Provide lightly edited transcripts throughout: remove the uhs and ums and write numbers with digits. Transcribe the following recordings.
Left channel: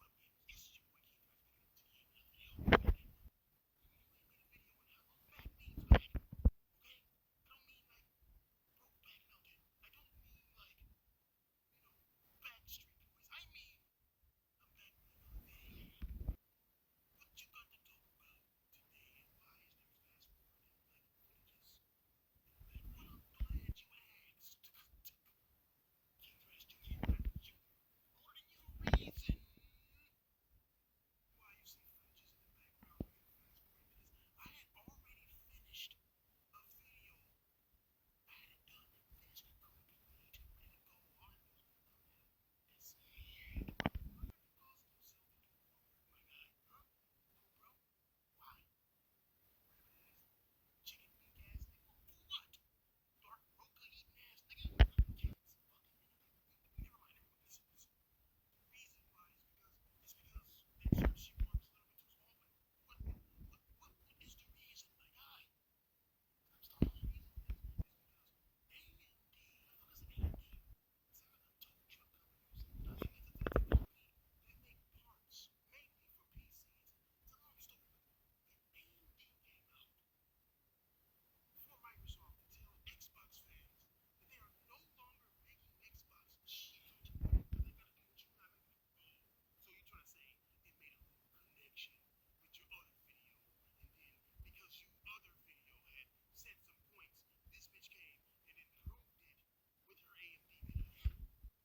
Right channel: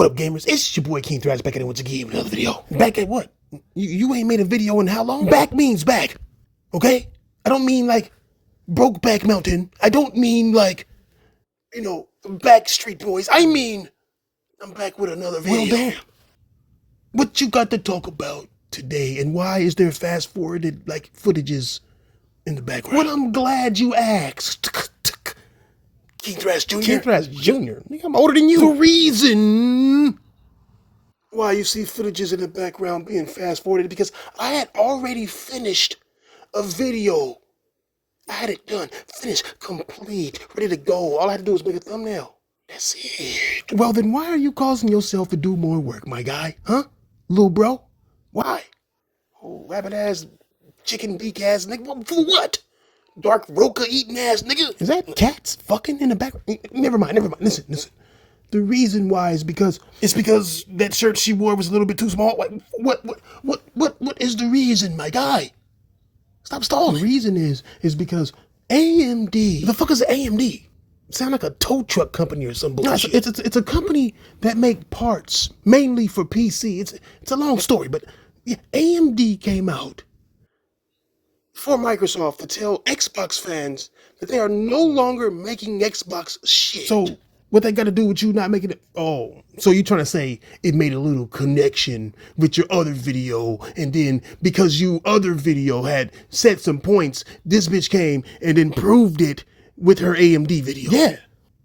What up, gamers? It's your boy King Thrash back at it once again with another video. Back at what? You ain't made a video in how long? Back means back, okay? I don't mean like Brokeback Mountain. I don't mean like, Backstreet Boys. I mean, I'm back with another video. Well, damn. What you got to talk about today, and why is there fast-forwarded, like, footages in the background? Well, I'm glad you asked. King Thrash Jr. King Thrash Jr.? Nigga, I'm older than you. The reason why you see footages in the background being fast-forwarded is because I had already finished a video. I had it done, finished, complete, ready to go. All I had to do was make a thumbnail. That's it. Well, then why are you causing yourself to do more work, my guy? Huh? Little bro? Why? Oh, rabbit-ass, chicken beak-ass nigga. For what? Dark Roca eating ass nigga. Is that cats fucking in the background? Never mind. Listen. The reason why is because that shirt she wore was a little bit too small. What is the reason, my guy? Stop stalling. The reason is because AMD. The fuck is AMD? Sound like a tow truck company or some bullshit. No, it's a company that make parts mainly for PC. It's a long story, but yeah, AMD came out for Microsoft to tell Xbox fans that they are no longer making Xbox shit. So what they got to do with you not making it? Oh, so you're trying to say it made a little connection with your other video, and then because you other video had set some points, this bitch came and then proved it with her AMD video. Yeah.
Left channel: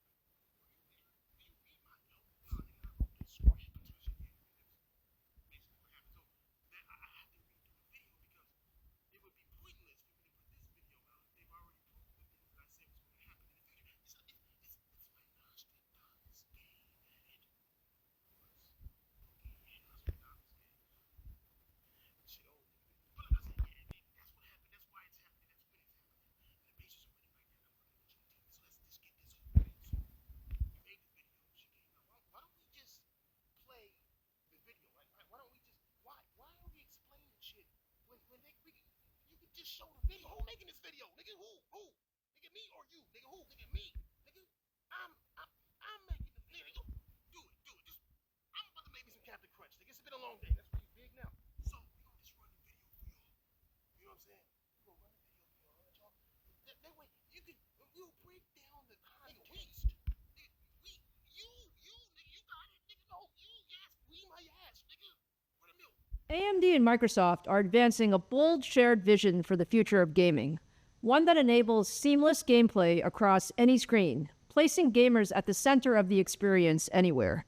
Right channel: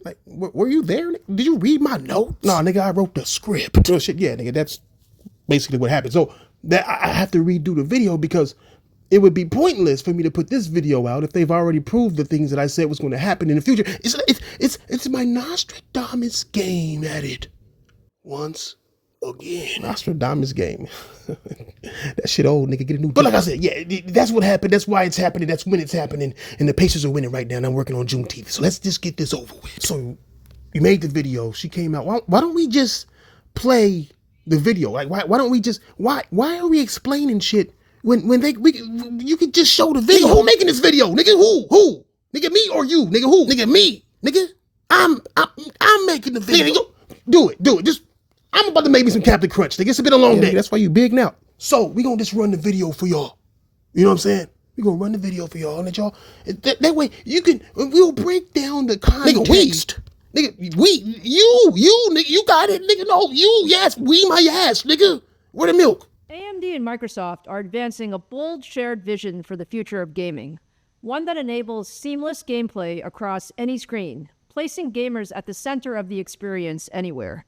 Like, were you there? Did you read my notes? No, nigga, I wrote the script. Oh shit, yeah, nigga, that's basically what happened. So that I have to redo the video because it would be pointless for me to put this video out if they've already proved the things that I said was going to happen in the future. It's my Nostradamus game at it once again. Nostradamus game. That shit old, nigga. Get a new. But like I said, yeah, that's what happened. That's why it's happening. That's when it's happening. And the Pacers are winning right now. And I'm working on Juneteenth. So let's just get this over with. So you made the video. She came out. Why don't we just play the video? Like why don't we just why are we explaining shit? When you could just show the video. Nigga, who making this video? Nigga, who? Nigga, me or you? Nigga, who? Nigga, me. Nigga, I'm making the video. Nigga, do it. Just, I'm about to make me some Captain Crunch. Nigga, it's been a long day. That's why you big now. So, we gonna just run the video for y'all. You know what I'm saying? We gonna run the video for y'all and let y'all, that way we'll break down the context. Nigga, you, nigga, you got it. Nigga, no, you, yes, we my ass, nigga. Where the milk? AMD and Microsoft are advancing a bold shared vision for the future of gaming, one that enables seamless gameplay across any screen, placing gamers at the center of the experience anywhere.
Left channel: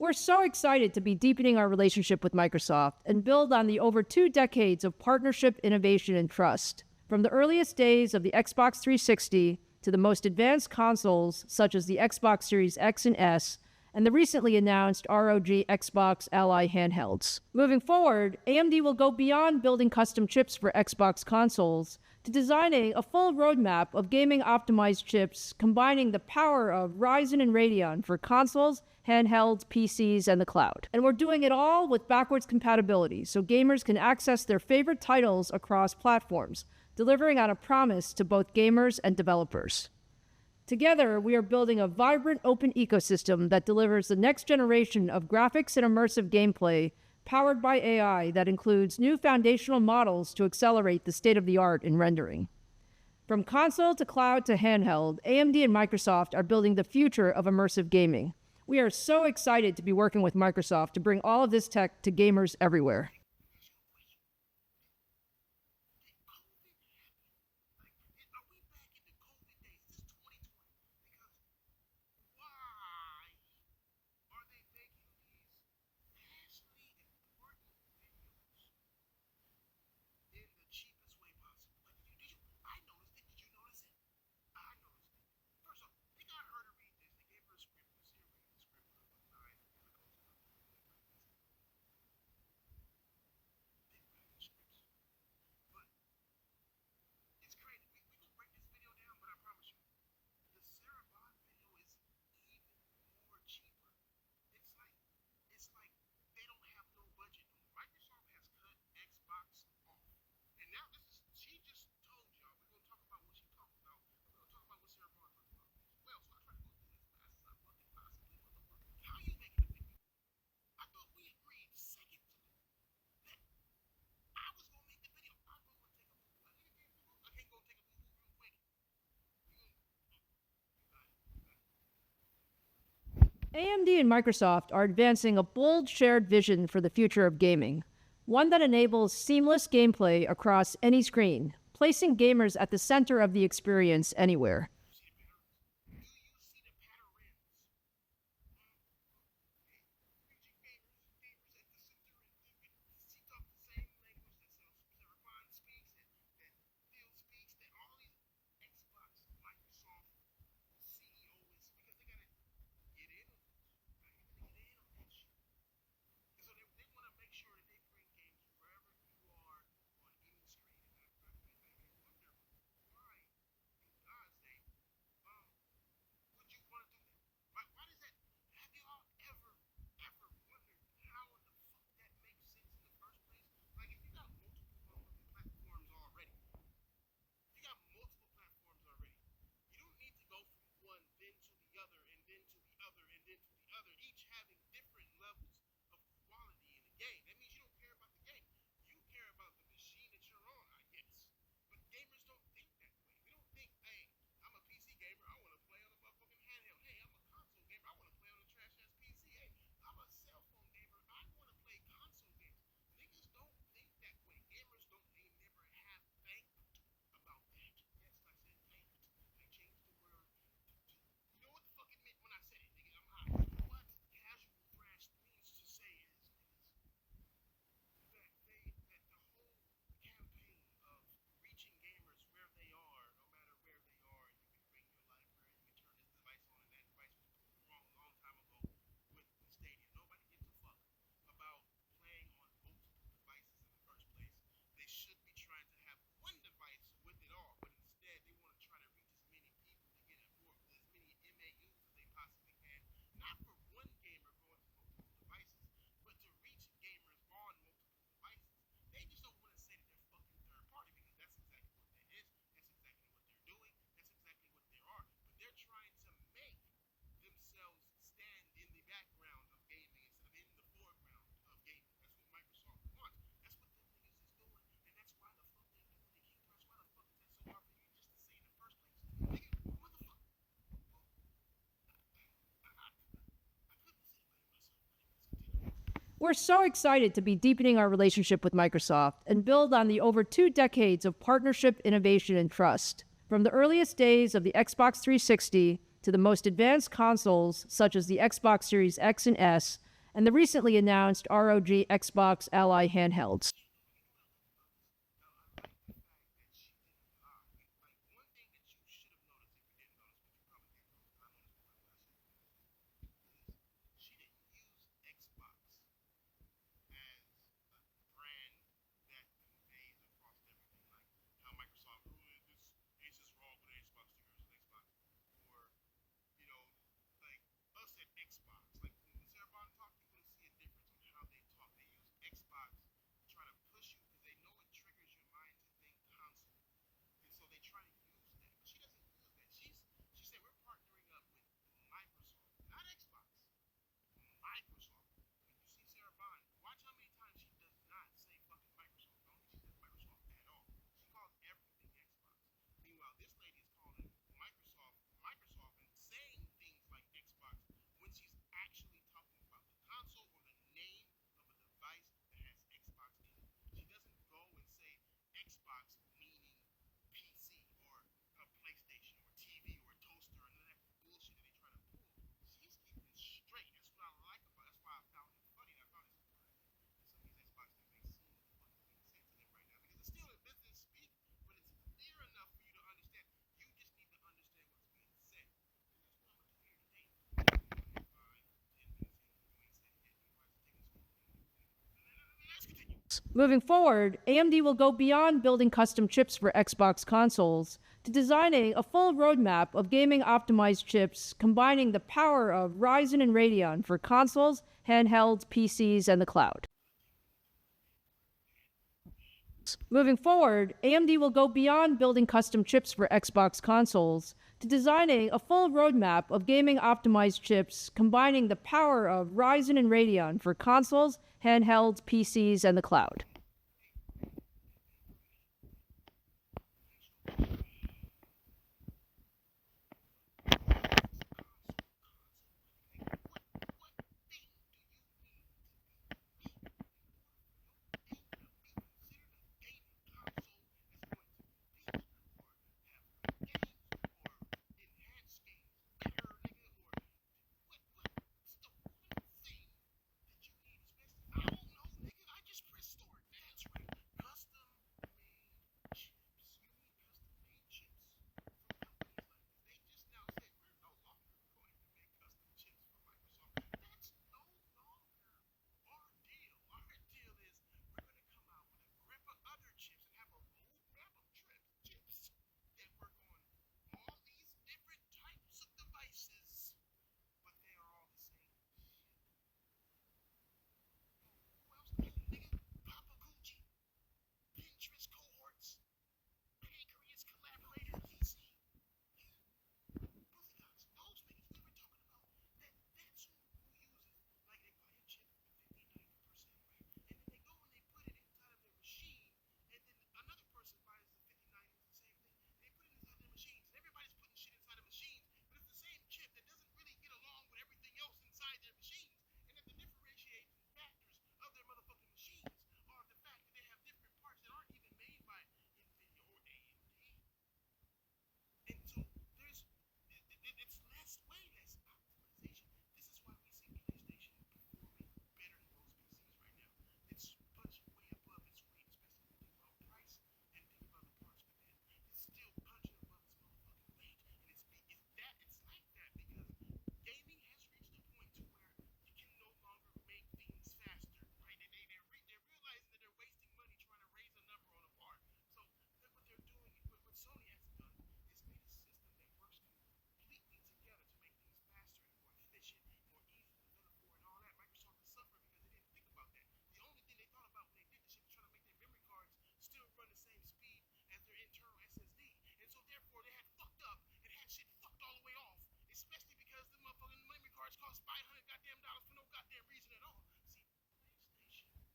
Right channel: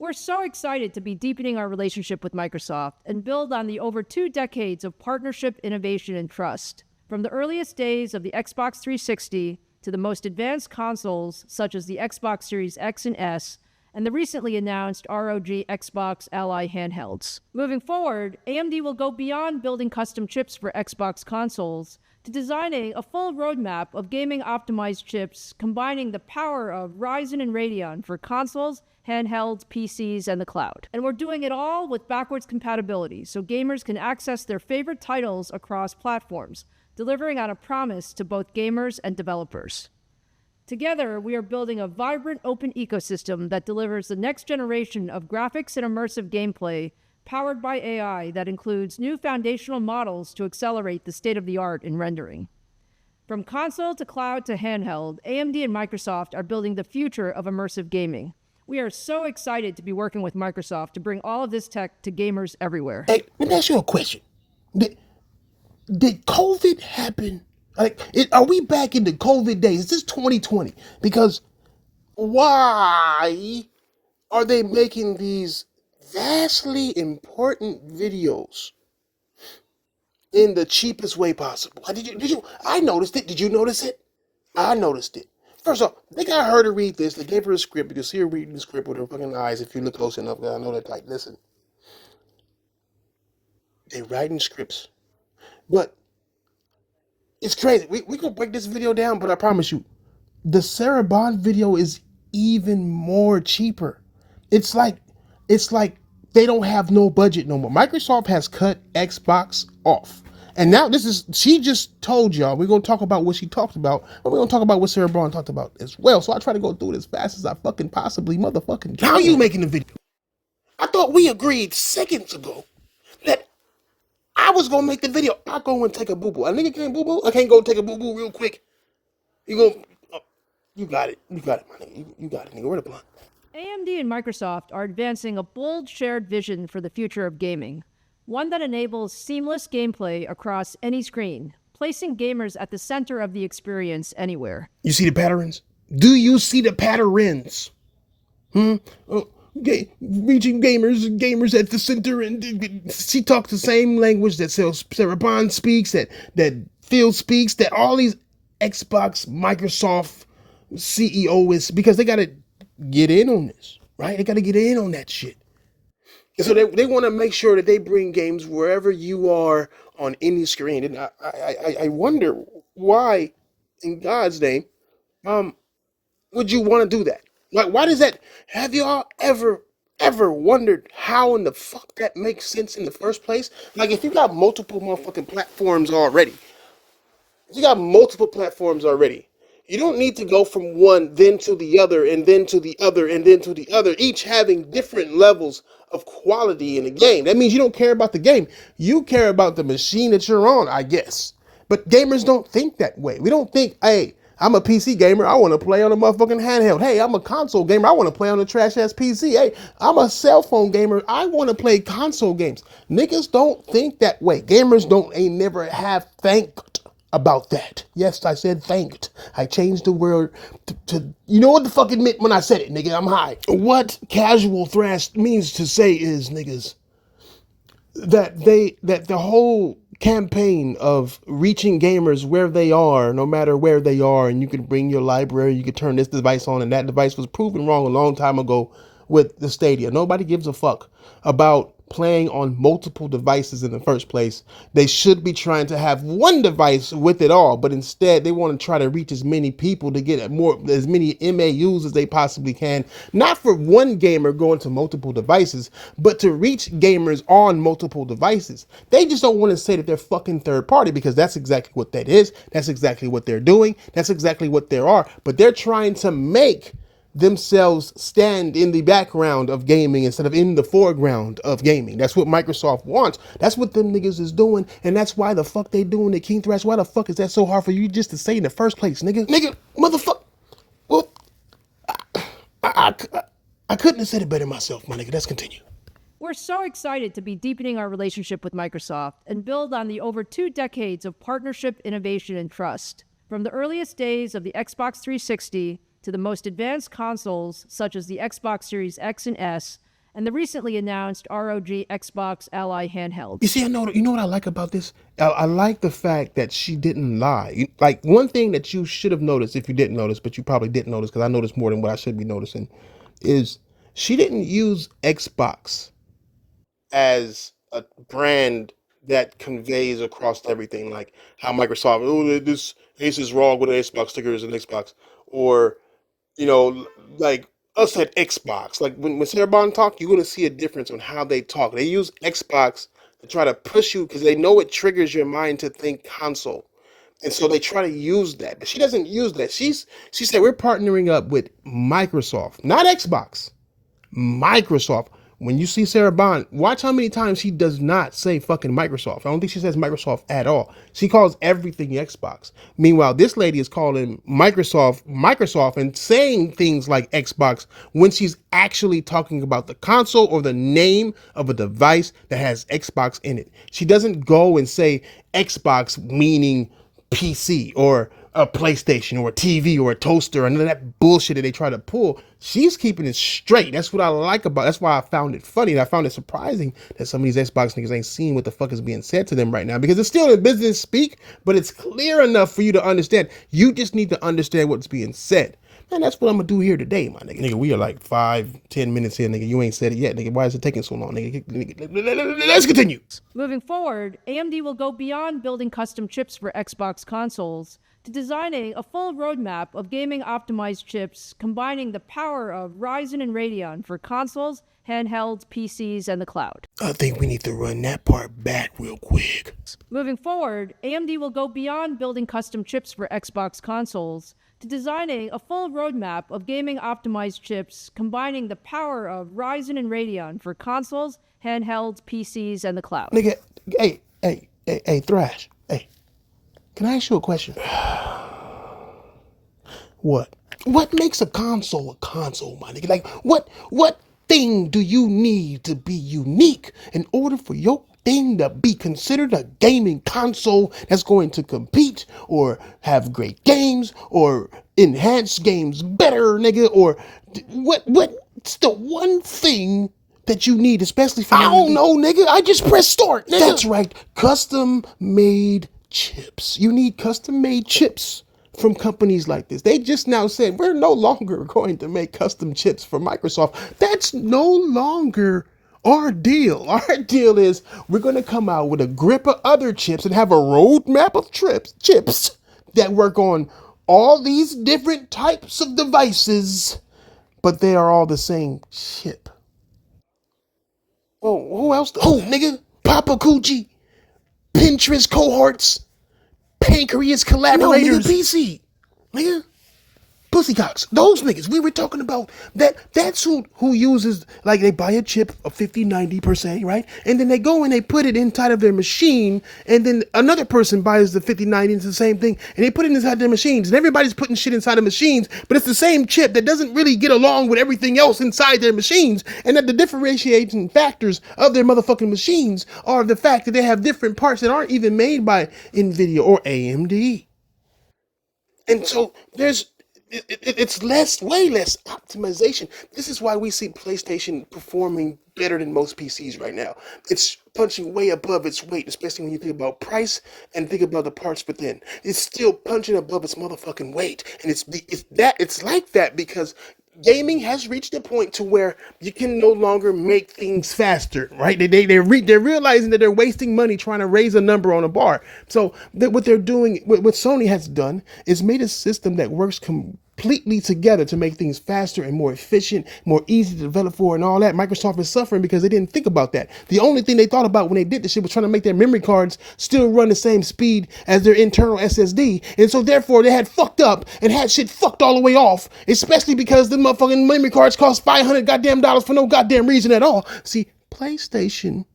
We're so excited to be deepening our relationship with Microsoft and build on the over 2 decades of partnership, innovation, and trust. From the earliest days of the Xbox 360 to the most advanced consoles such as the Xbox Series X and S, and the recently announced ROG Xbox Ally handhelds. Moving forward, AMD will go beyond building custom chips for Xbox consoles to designing a full roadmap of gaming-optimized chips combining the power of Ryzen and Radeon for consoles, handhelds, PCs, and the cloud. And we're doing it all with backwards compatibility, so gamers can access their favorite titles across platforms, delivering on a promise to both gamers and developers. Together, we are building a vibrant open ecosystem that delivers the next generation of graphics and immersive gameplay powered by AI that includes new foundational models to accelerate the state-of-the-art in rendering. From console to cloud to handheld, AMD and Microsoft are building the future of immersive gaming. We are so excited to be working with Microsoft to bring all of this tech to gamers everywhere. Hey, let me ask you a question. Did COVID happen? Are we back in the COVID days? Is this 2020? Because why are they making these vastly important videos in the cheapest way possible? I noticed it. Did you notice it? I noticed it. First off, they got her to read this. They gave her a script. You can see her reading the script with her fucking eyes if you look close enough. I know that, like, listen. They writing scripts. But it's crazy. We gonna break this video down, but I promise you, the Sarah Bond video is even more cheaper. It's like they don't have no budget no more. Microsoft has cut Xbox off. And now she just told y'all, we're gonna talk about what she talked about, but we're gonna talk about what Sarah Bond talked about as well. So I try to go through it as fast as I fucking possibly motherfucking can. How are you making the video? thought we agreed seconds ago that I was gonna make the video. I go and take a boo boo. A nigga can't boo boo. I can't go take a boo boo real quick. You go. Oh, you got it. You got it, my nigga. You got it, nigga. Where the blunt? AMD and Microsoft are advancing a bold shared vision for the future of gaming, one that enables seamless gameplay across any screen, placing gamers at the center of the experience anywhere. You see the patterns? Do you see the patterns? Oh, reaching gamers at the center, and she talks the same language that Sarah Bond speaks, that Phil speaks, that all these Xbox, Microsoft CEOs, because they gotta get in on this, right? They gotta get in on that shit. And so they want to make sure that they bring games wherever you are on any screen. And I wonder why, in God's name, would you want to do that? Like, why does that? Have y'all ever wondered how in the fuck that makes sense in the first place? Like, if you got multiple motherfucking platforms already, you got multiple platforms already. You don't need to go from one, then to the other, and then to the other, and then to the other, each having different levels of quality in the game. That means you don't care about the game. You care about the machine that you're on, I guess. But gamers don't think that way. We don't think, hey, I'm a PC gamer, I want to play on a motherfucking handheld. Hey, I'm a console gamer, I want to play on a trash-ass PC. Hey, I'm a cell phone gamer, I want to play console games. Niggas don't think that way. Gamers ain't never have thanked about that. Yes, I said thanked. I changed the word to you know what the fuck it meant when I said it, nigga. I'm high. What casual thrash means to say is, niggas, that the whole campaign of reaching gamers where they are, no matter where they are, and you can bring your library, you can turn this device on, and that device was proven wrong a long time ago with the Stadia. Nobody gives a fuck about playing on multiple devices in the first place. They should be trying to have one device with it all, but instead they want to try to reach as many people to get as many MAUs as they possibly can. Not for one gamer going to multiple devices, but to reach gamers on multiple devices. They just don't want to say that they're fucking third party, because that's exactly what that is. That's exactly what they're doing. That's exactly what they are. But they're trying to make themselves stand in the background of gaming instead of in the foreground of gaming. That's what Microsoft wants. That's what them niggas is doing, and that's why the fuck they doing it, King Thrash. Why the fuck is that so hard for you just to say in the first place, nigga? Nigga, motherfucker. Well, I couldn't have said it better myself, my nigga. Let's continue. We're so excited to be deepening our relationship with Microsoft and build on the over 2 decades of partnership, innovation, and trust. From the earliest days of the Xbox 360 to the most advanced consoles such as the Xbox Series X and S, and the recently announced ROG Xbox Ally handhelds. You see, you know what I like about this? I like the fact that she didn't lie. Like, one thing that you should have noticed, if you didn't notice, but you probably didn't notice because I noticed more than what I should be noticing, is she didn't use Xbox as a brand that conveys across everything, like how Microsoft, oh, this Ace is wrong with an Xbox stickers and Xbox, or like us at Xbox. Like when Sarah Bond talk, you're gonna see a difference on how they talk. They use Xbox to try to push you because they know it triggers your mind to think console, and so they try to use that. But she doesn't use that. She said we're partnering up with Microsoft, not Xbox. Microsoft. When you see Sarah Bond, watch how many times she does not say fucking Microsoft. I don't think she says Microsoft at all. She calls everything Xbox. Meanwhile, this lady is calling Microsoft and saying things like Xbox when she's actually talking about the console or the name of a device that has Xbox in it. She doesn't go and say Xbox meaning PC or a PlayStation or a TV or a toaster or none of that bullshit that they try to pull. She's keeping it straight. That's what I like about it. That's why I found it funny, and I found it surprising that some of these Xbox niggas ain't seeing what the fuck is being said to them right now, because it's still in business speak, but it's clear enough for you to understand. You just need to understand what's being said. And that's what I'm gonna do here today, my nigga. Nigga, we are like 5-10 minutes here, nigga. You ain't said it yet, nigga. Why is it taking so long, nigga? Let's continue. Moving forward, AMD will go beyond building custom chips for Xbox consoles to designing a full roadmap of gaming-optimized chips combining the power of Ryzen and Radeon for consoles, handhelds, PCs, and the cloud. I think we need to run that part back real quick. Moving forward, AMD will go beyond building custom chips for Xbox consoles to designing a full roadmap of gaming-optimized chips combining the power of Ryzen and Radeon for consoles, handhelds, PCs, and the cloud. Nigga, hey, Thrash, hey, can I ask you a question? What? What makes a console, my nigga? Like, what thing do you need to be unique in order for your thing to be considered a gaming console that's going to compete or have great games or enhance games better, nigga? Or what's the one thing that you need, especially for... I don't know, nigga. I just press start, nigga. That's right. Custom-made chips. You need custom-made chips from companies like this. They just now said, we're no longer going to make custom chips for Microsoft. That's no longer our deal. Our deal is we're going to come out with a grip of other chips and have a roadmap of chips that work on all these different types of devices, but they are all the same chip. Oh, who else? Who, nigga? Papa Coochie, Pinterest cohorts, Pancreas collaborators. No, nigga, PC. Nigga. Pussycocks. Those niggas. We were talking about that. That's who uses, like, they buy a chip of 50, 90 per se, right? And then they go and they put it inside of their machine, and then another person buys the 50, 90, it's the same thing, and they put it inside their machines. And everybody's putting shit inside of machines, but it's the same chip that doesn't really get along with everything else inside their machines. And that the differentiating factors of their motherfucking machines are the fact that they have different parts that aren't even made by NVIDIA or AMD. And so it's way less optimization. This is why we see PlayStation performing better than most PCs right now. It's punching way above its weight, especially when you think about price and think about the parts within. It's still punching above its motherfucking weight, and it's like that because gaming has reached a point to where you can no longer make things faster, right? They're realizing that they're wasting money trying to raise a number on a bar. So what they're doing, what Sony has done, is made a system that works completely together to make things faster and more efficient, more easy to develop for, and all that. Microsoft is suffering because they didn't think about that. The only thing they thought about when they did this shit was trying to make their memory cards still run the same speed as their internal SSD, and so therefore they had fucked up and had shit fucked all the way off, especially because the motherfucking memory cards cost $500 goddamn dollars for no goddamn reason at all. See, PlayStation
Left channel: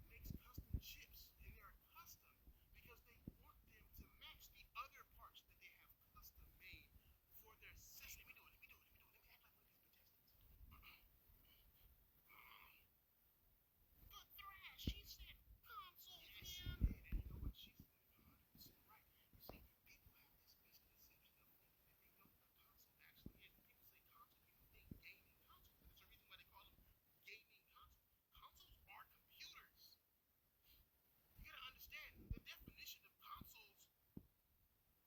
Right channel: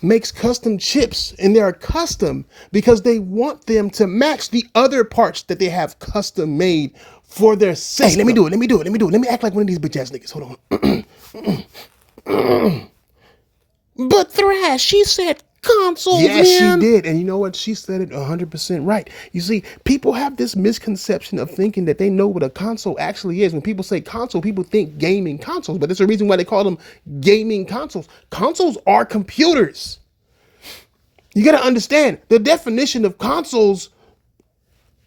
makes custom chips, and they're custom because they want them to match the other parts that they have custom made for their system. Hey, let me do it. Let me act like one of these bitch ass niggas. Hold on. But Thrash, she said consoles, yes, man. She did. And you know what? She said it 100% right. You see, people have this misconception of thinking that they know what a console actually is. When people say console, people think gaming consoles, but there's a reason why they call them gaming consoles. Consoles are computers. You got to understand, the definition of consoles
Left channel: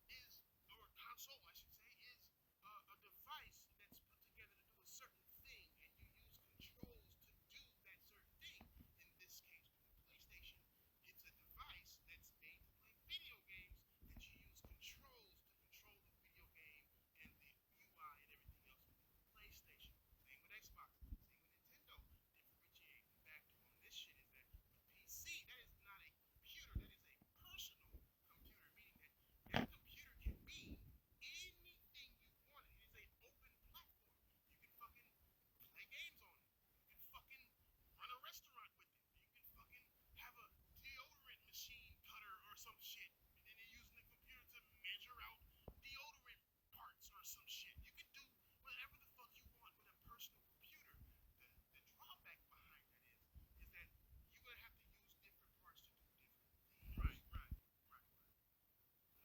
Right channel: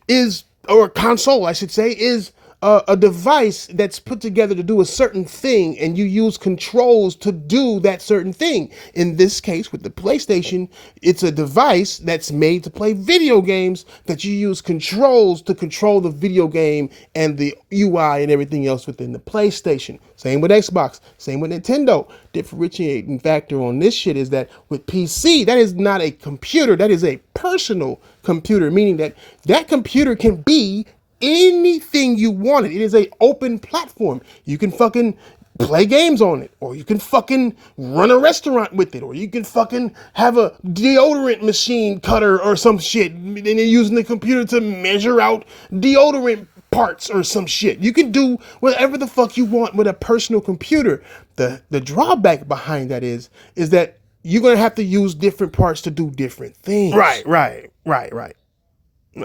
is, or a console, I should say, is a device that's put together to do a certain thing, and you use controls to do that certain thing. In this case, with the PlayStation, it's a device that's made to play video games that you use controls to control the video game and the UI and everything else within the PlayStation. Same with Xbox, same with Nintendo. Differentiating factor on this shit is that with PC, that is not a computer, that is a personal computer, meaning that that computer can be anything you want it. It is a open platform. You can fucking play games on it, or you can fucking run a restaurant with it, or you can fucking have a deodorant machine cutter or some shit, and you're using the computer to measure out deodorant parts or some shit. You can do whatever the fuck you want with a personal computer. The drawback behind that is that you're gonna have to use different parts to do different things. Right.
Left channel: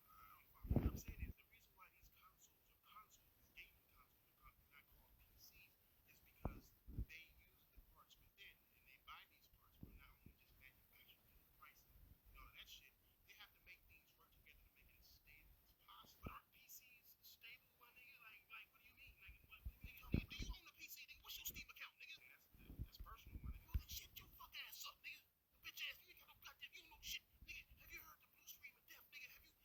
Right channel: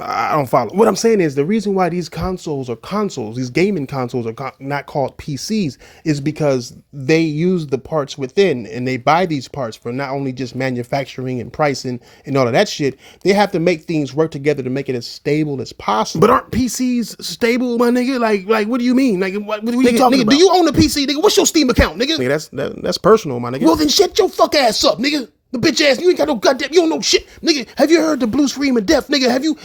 I don't follow. What I'm saying is the reason why these these gaming consoles are not called PCs is because they use the parts within, and they buy these parts for not only just manufacturing and pricing and all of that shit. They have to make things work together to make it as stable as possible. But aren't PCs stable, my nigga? Like what do you mean? Like what are you talking about? Do you own a PC, nigga? What's your Steam account, nigga? Nigga, that's personal, my nigga. Well then shut your fuck ass up, nigga. The bitch ass, you ain't got no goddamn, you don't know shit. Nigga, have you heard the blue scream of death? Nigga, have you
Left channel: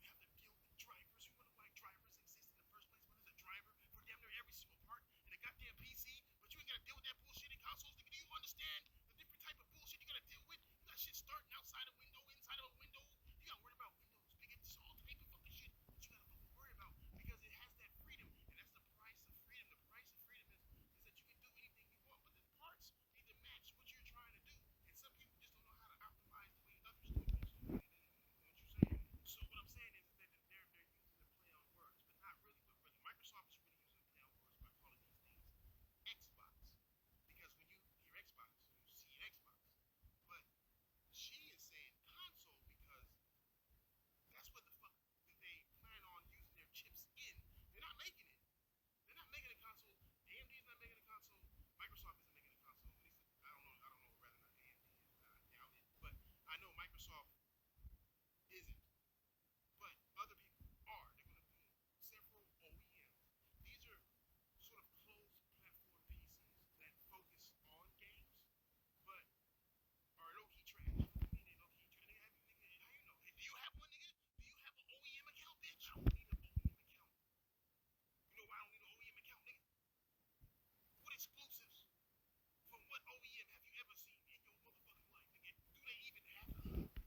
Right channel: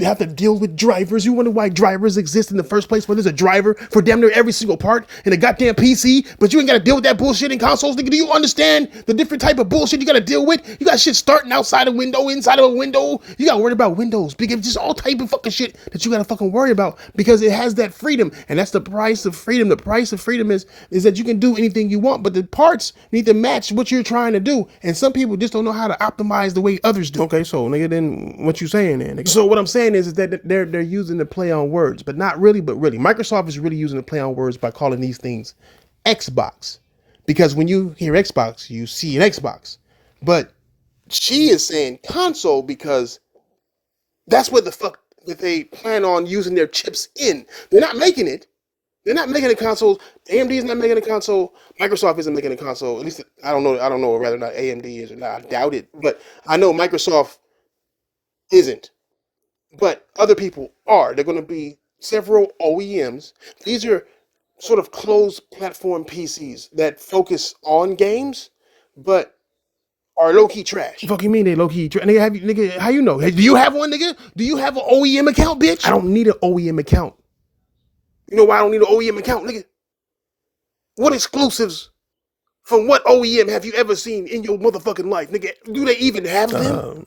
have to deal with drivers? You wonder why drivers exist in the first place, where there's a driver for damn near every single part in a goddamn PC, but you ain't got to deal with that bullshit in consoles, nigga. Do you understand the different type of bullshit you got to deal with? You got shit starting outside a window, inside of a window. You got to worry about windows, because just all type of fucking shit that you got to fucking worry about, because it has that freedom, and that's the price of freedom. The price of freedom is that you can do anything you want, but the parts need to match what you're trying to do, and some people just don't know how to optimize the way others do. Okay, so nigga, then what you saying then, nigga? So what I'm saying is that they're using the play on words, but not really, but really. Microsoft is really using the play on words by calling these things Xbox. Because when you hear Xbox, you see an Xbox. But she is saying console because that's what the fuck that they plan on using their chips in. They're not making it. They're not making a console. AMD is not making a console. Microsoft isn't making a console. At least I don't know. I don't know whether or not AMD is or not. I doubt it. But I know Microsoft isn't. But other people are. They're going to be several OEMs. These are sort of closed platform PCs that focus on games, but are low key trash. Fuck you mean they low key trash? Nigga, how you know? Hey, do you have one, nigga? Do you have an OEM account, bitch? I don't need an OEM account. You know why I don't need an OEM account, nigga? What exclusives from what OEM have you ever seen in your motherfucking life, nigga? Do they even have them?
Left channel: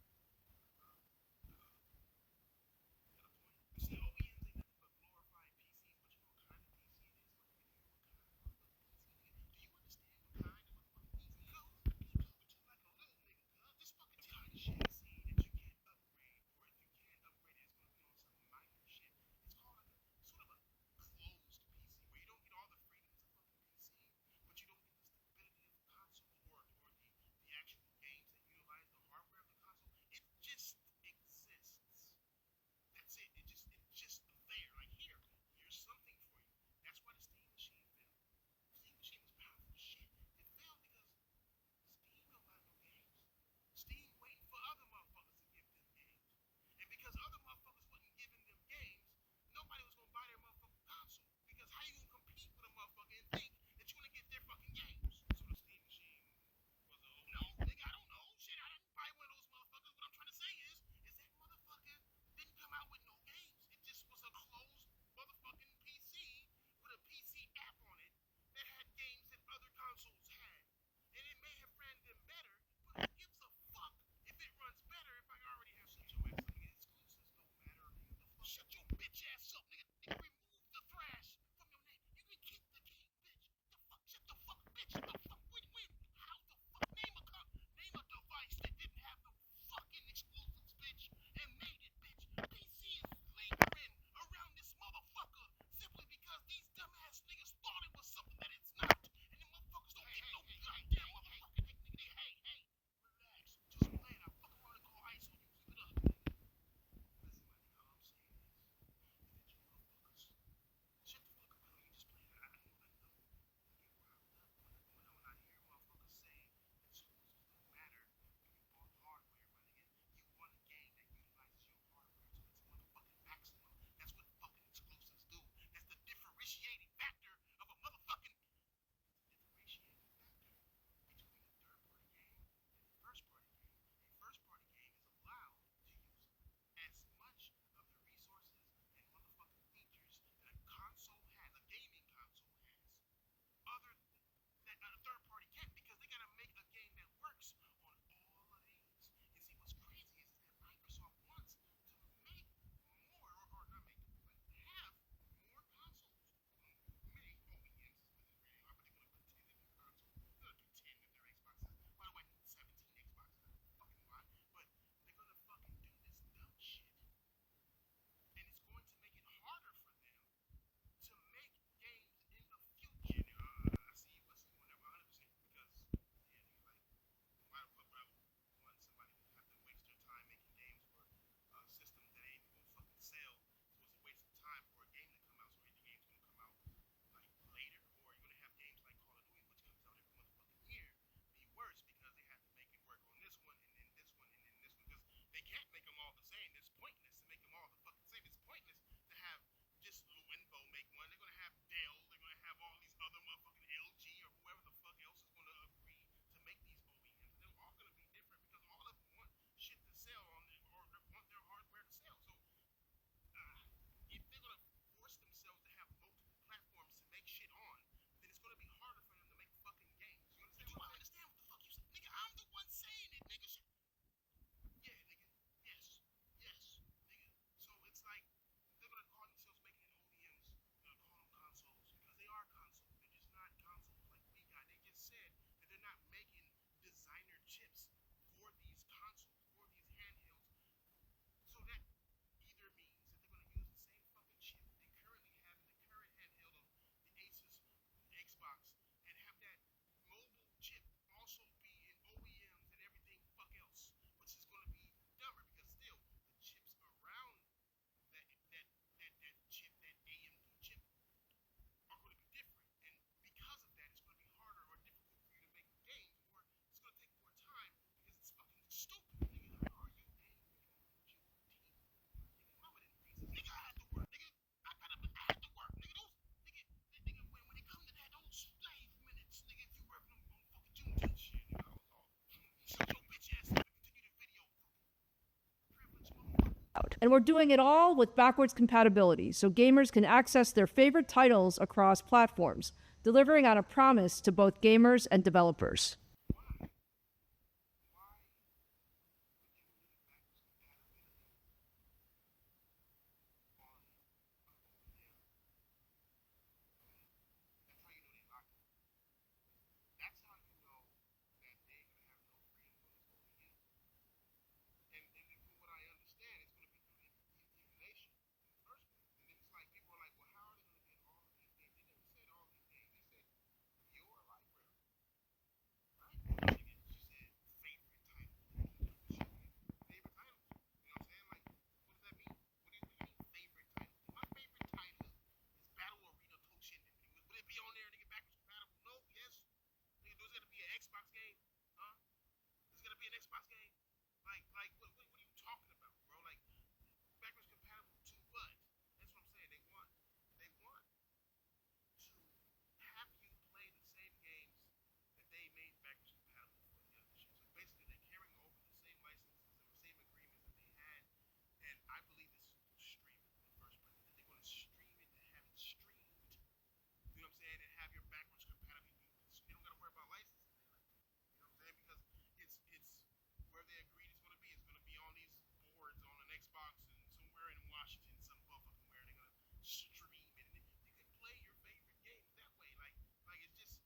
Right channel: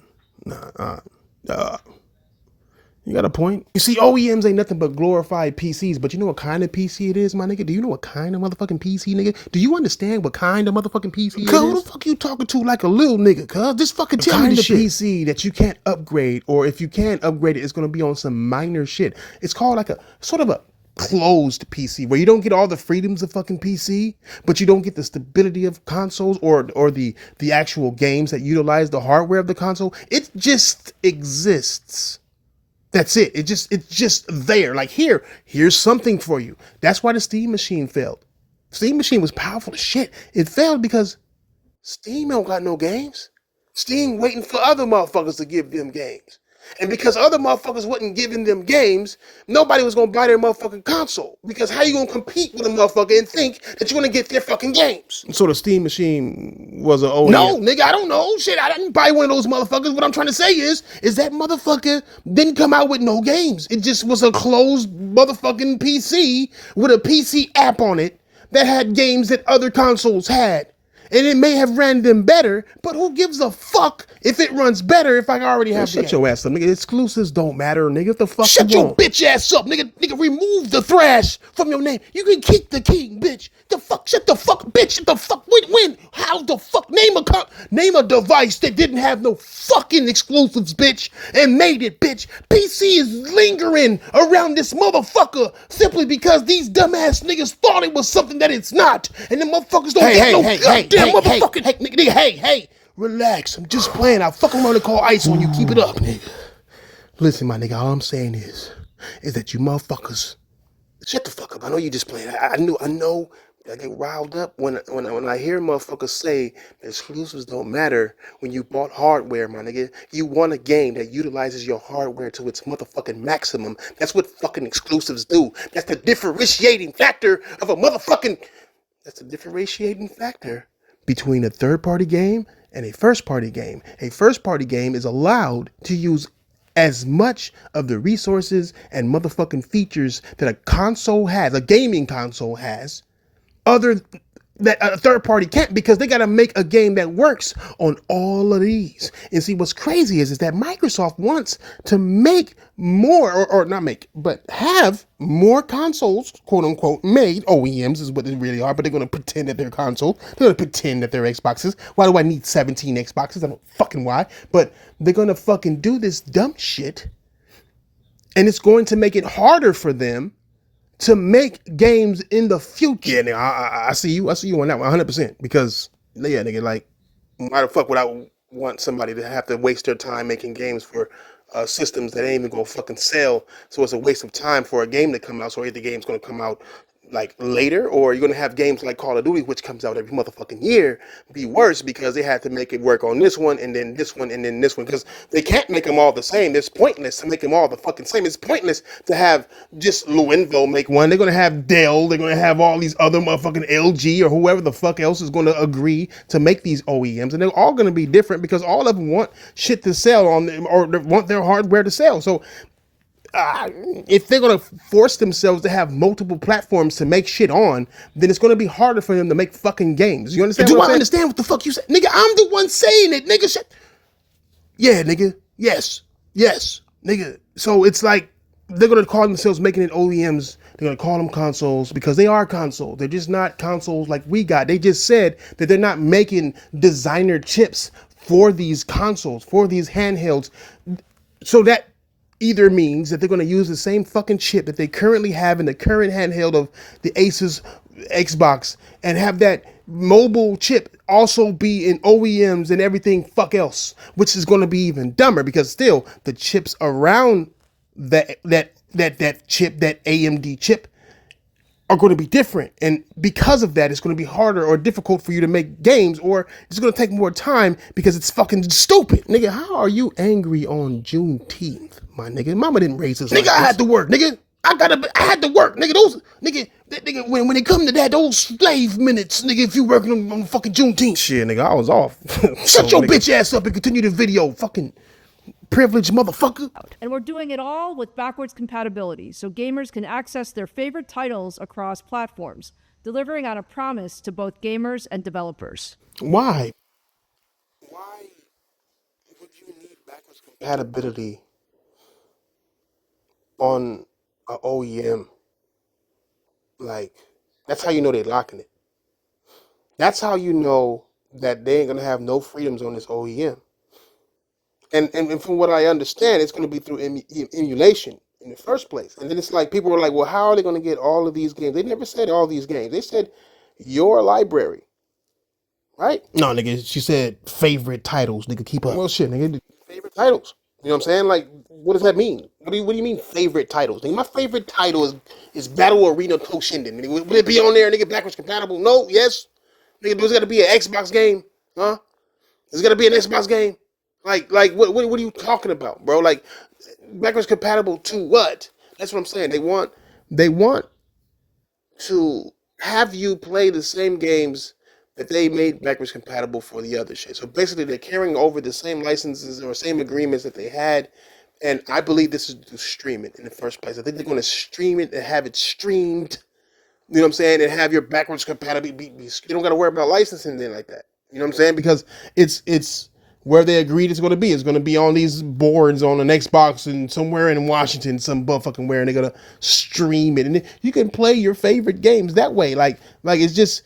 You got a point. You see, OEMs ain't nothing but glorified PCs, but you know what kind of PC it is, my nigga? Do you know what kind of motherfucking PC, nigga? Do you understand what kind of motherfucking PC it is? Who the fuck you talking to like a little nigga, cuz? Just fucking tell me the shit. PC that you can't upgrade, or if you can upgrade it, it's gonna be on some minor shit. It's called like a, sort of a closed PC, where you don't get all the freedoms of fucking PC, but you don't get the stability of consoles or the actual games that utilize the hardware of the console. It just exists. That's it. It's just there. Like here's something for you. That's why the Steam machine failed. Steam machine was powerful as shit. It failed because Steam don't got no games. Steam waiting for other motherfuckers to give them games. And because other motherfuckers wasn't giving them games, nobody was gonna buy their motherfucking console. Because how you gonna compete with a motherfucker and think that you're gonna get their fucking games? So the Steam machine was an OEM? No, nigga, I don't know. Shit, I didn't buy one of those motherfuckers. What I'm trying to say is that motherfucker didn't come out with no games. It just was a closed motherfucking PC with a PC app on it that had games that other consoles had. And it may have ran them better, but who gives a fuck if it runs better if I already have the game? Shut your ass up, nigga. Exclusives don't matter, nigga. What the fuck you want? Shut your bitch ass up, nigga. Nigga, remove the thrash from your name. You can keep the king, bitch. The fuck? Shut the fuck, bitch. Shut the fuck. When? How the fuck? Name a device that didn't have no fucking exclusives, bitch, and made it, bitch. PC is lingering around this motherfucker simply because these dumbass niggas thought it was something that it's not. And the motherfuckers don't get no goddamn motherfucking... Hey, relax. I'm just playing. I'll fuck around and call ICE on you. Keep it up, nigga. Listen, my nigga, all I'm saying is that you motherfuckers... Shut the fuck up. I know you just playing. I know... I get riled up when I hear motherfuckers say that exclusives don't matter when you bought hardware, my nigga. You want a game that utilizes your hardware to its motherfucking maximum. That's what fucking exclusives do. That's the differentiating factor of a motherfucking... That's the differentiating factor between a third-party game and a first-party game. A first-party game is allowed to use as much of the resources and motherfucking features that a console has, a gaming console has, other that a third party can't, because they got to make a game that works on all of these. And see, what's crazy is that Microsoft wants to make more, or not make, but have more consoles, quote unquote, made. OEMs is what they really are, but they're going to pretend that they're consoles. They're going to pretend that they're Xboxes. Why do I need 17 Xboxes? I don't fucking why. But they're going to fucking do this dumb shit, and it's going to make it harder for them to make games in the future. Yeah, nigga, I see you on that one 100%. Because, yeah, nigga, like, why the fuck would I want somebody to have to waste their time making games for systems that ain't even gonna fucking sell? So it's a waste of time for a game to come out. So the game's gonna come out like later, or you're gonna have games like Call of Duty, which comes out every motherfucking year, be worse because they had to make it work on this one and then this one and then this one because they can't make them all the same. It's pointless to make them all the fucking same. It's pointless to have just Lenovo make one. They're gonna have Dell. They're gonna have all these other motherfucking LG or whoever the fuck else is gonna agree to make these OEMs, and they're all gonna be different because all of them want shit to sell on them or they want their hardware to sell. So if they're gonna force themselves to have multiple platforms to make shit on, then it's gonna be harder for them to make fucking games. You understand? Do I understand what the fuck you said, nigga? I'm the one saying it, nigga. Shit. Yeah, nigga. Yes, nigga. So it's like they're gonna call themselves making it OEMs. They're gonna call them consoles because they are consoles. They're just not consoles like we got. They just said that they're not making designer chips for these consoles, for these handhelds. So that either means that they're going to use the same fucking chip that they currently have in the current handheld of the Asus Xbox and have that mobile chip also be in OEMs and everything fuck else, which is going to be even dumber because still the chips around that chip, that AMD chip, are going to be different. And because of that, it's going to be harder or difficult for you to make games, or it's going to take more time because it's fucking stupid. Nigga, how are you angry on Juneteenth, my nigga? Mama didn't raise us. Nigga, like I had to work, nigga. I had to work, nigga. When it come to that, those slave minutes, nigga, if you working on fucking Juneteenth. Shit, nigga, I was off. Shut your bitch ass up and continue the video, fucking privileged motherfucker. And we're doing it all with backwards compatibility, so gamers can access their favorite titles across platforms, delivering on a promise to both gamers and developers. Why? Why would you need backwards compatibility on an OEM? Like, that's how you know they're locking it. That's how you know that they ain't gonna have no freedoms on this OEM. And from what I understand, it's going to be through emulation in the first place. And then it's like people are like, well, how are they going to get all of these games? They never said all these games. They said your library, right? No, nigga, she said favorite titles. Nigga, keep up. Well, shit, nigga, favorite titles. You know what I'm saying? Like, what does that mean? What do you mean favorite titles? Nigga, my favorite title is Battle Arena Toshinden. Nigga, will it be on there? Nigga, backwards compatible? No, yes. Nigga, there's got to be an Xbox game, huh? There's got to be an Xbox game. Like, what are you talking about, bro? Like, backwards compatible to what? That's what I'm saying. They want to have you play the same games that they made backwards compatible for the other shit. So basically, they're carrying over the same licenses or same agreements that they had. And I believe this is to stream it in the first place. I think they're going to stream it and have it streamed. You know what I'm saying? And have your backwards compatibility. You don't got to worry about licensing then like that. You know what I'm saying? Because it's where they agreed it's going to be. It's going to be on these boards on an Xbox and somewhere in Washington, some fucking where, and they're going to stream it. And you can play your favorite games that way. Like it's just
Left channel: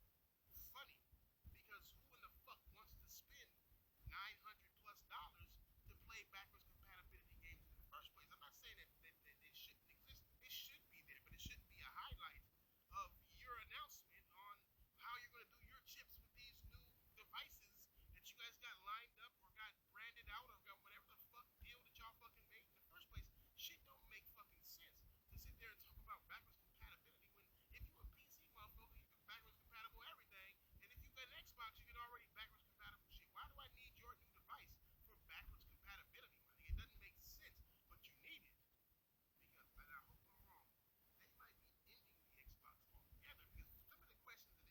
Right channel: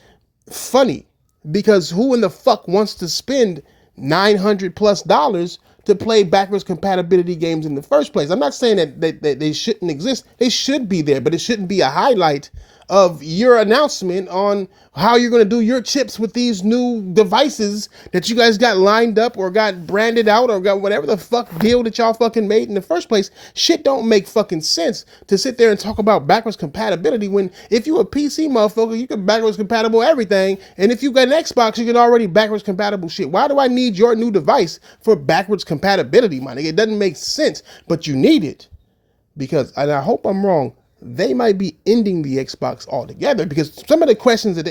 funny because who in the fuck wants to spend $900+ to play backwards compatibility games in the first place? I'm not saying that they shouldn't exist. They should be there, but it shouldn't be a highlight of your announcement on how you're going to do your chips with these new devices that you guys got lined up or got branded out or got whatever the fuck deal that y'all fucking made in the first place. Shit don't make fucking sense to sit there and talk about backwards compatibility when if you a PC motherfucker, you can backwards compatible everything. And if you got an Xbox, you can already backwards compatible shit. Why do I need your new device for backwards compatibility, my nigga? It doesn't make sense, but you need it because, and I hope I'm wrong, they might be ending the Xbox altogether because some of the questions some of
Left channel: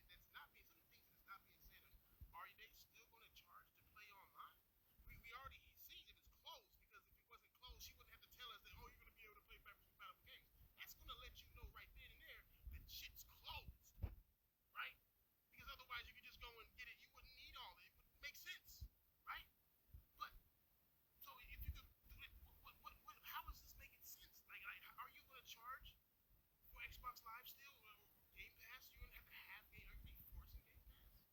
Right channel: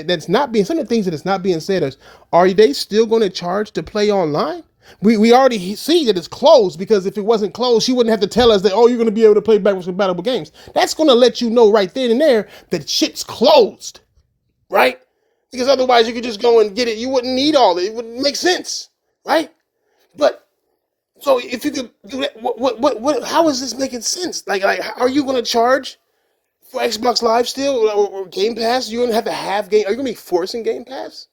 the things that is not being said is, are they still going to charge to play online? We already see that it's closed because if it wasn't closed, she wouldn't have to tell us that, oh, you're going to be able to play backwards compatible games. That's going to let you know right then and there that shit's closed, right? Because otherwise you could just go and get it. You wouldn't need all that. It wouldn't make sense, right? But so if you could do that, what how is this making sense? Like are you going to charge for Xbox Live still or Game Pass? You're gonna have to have game. Are you gonna be forcing Game Pass?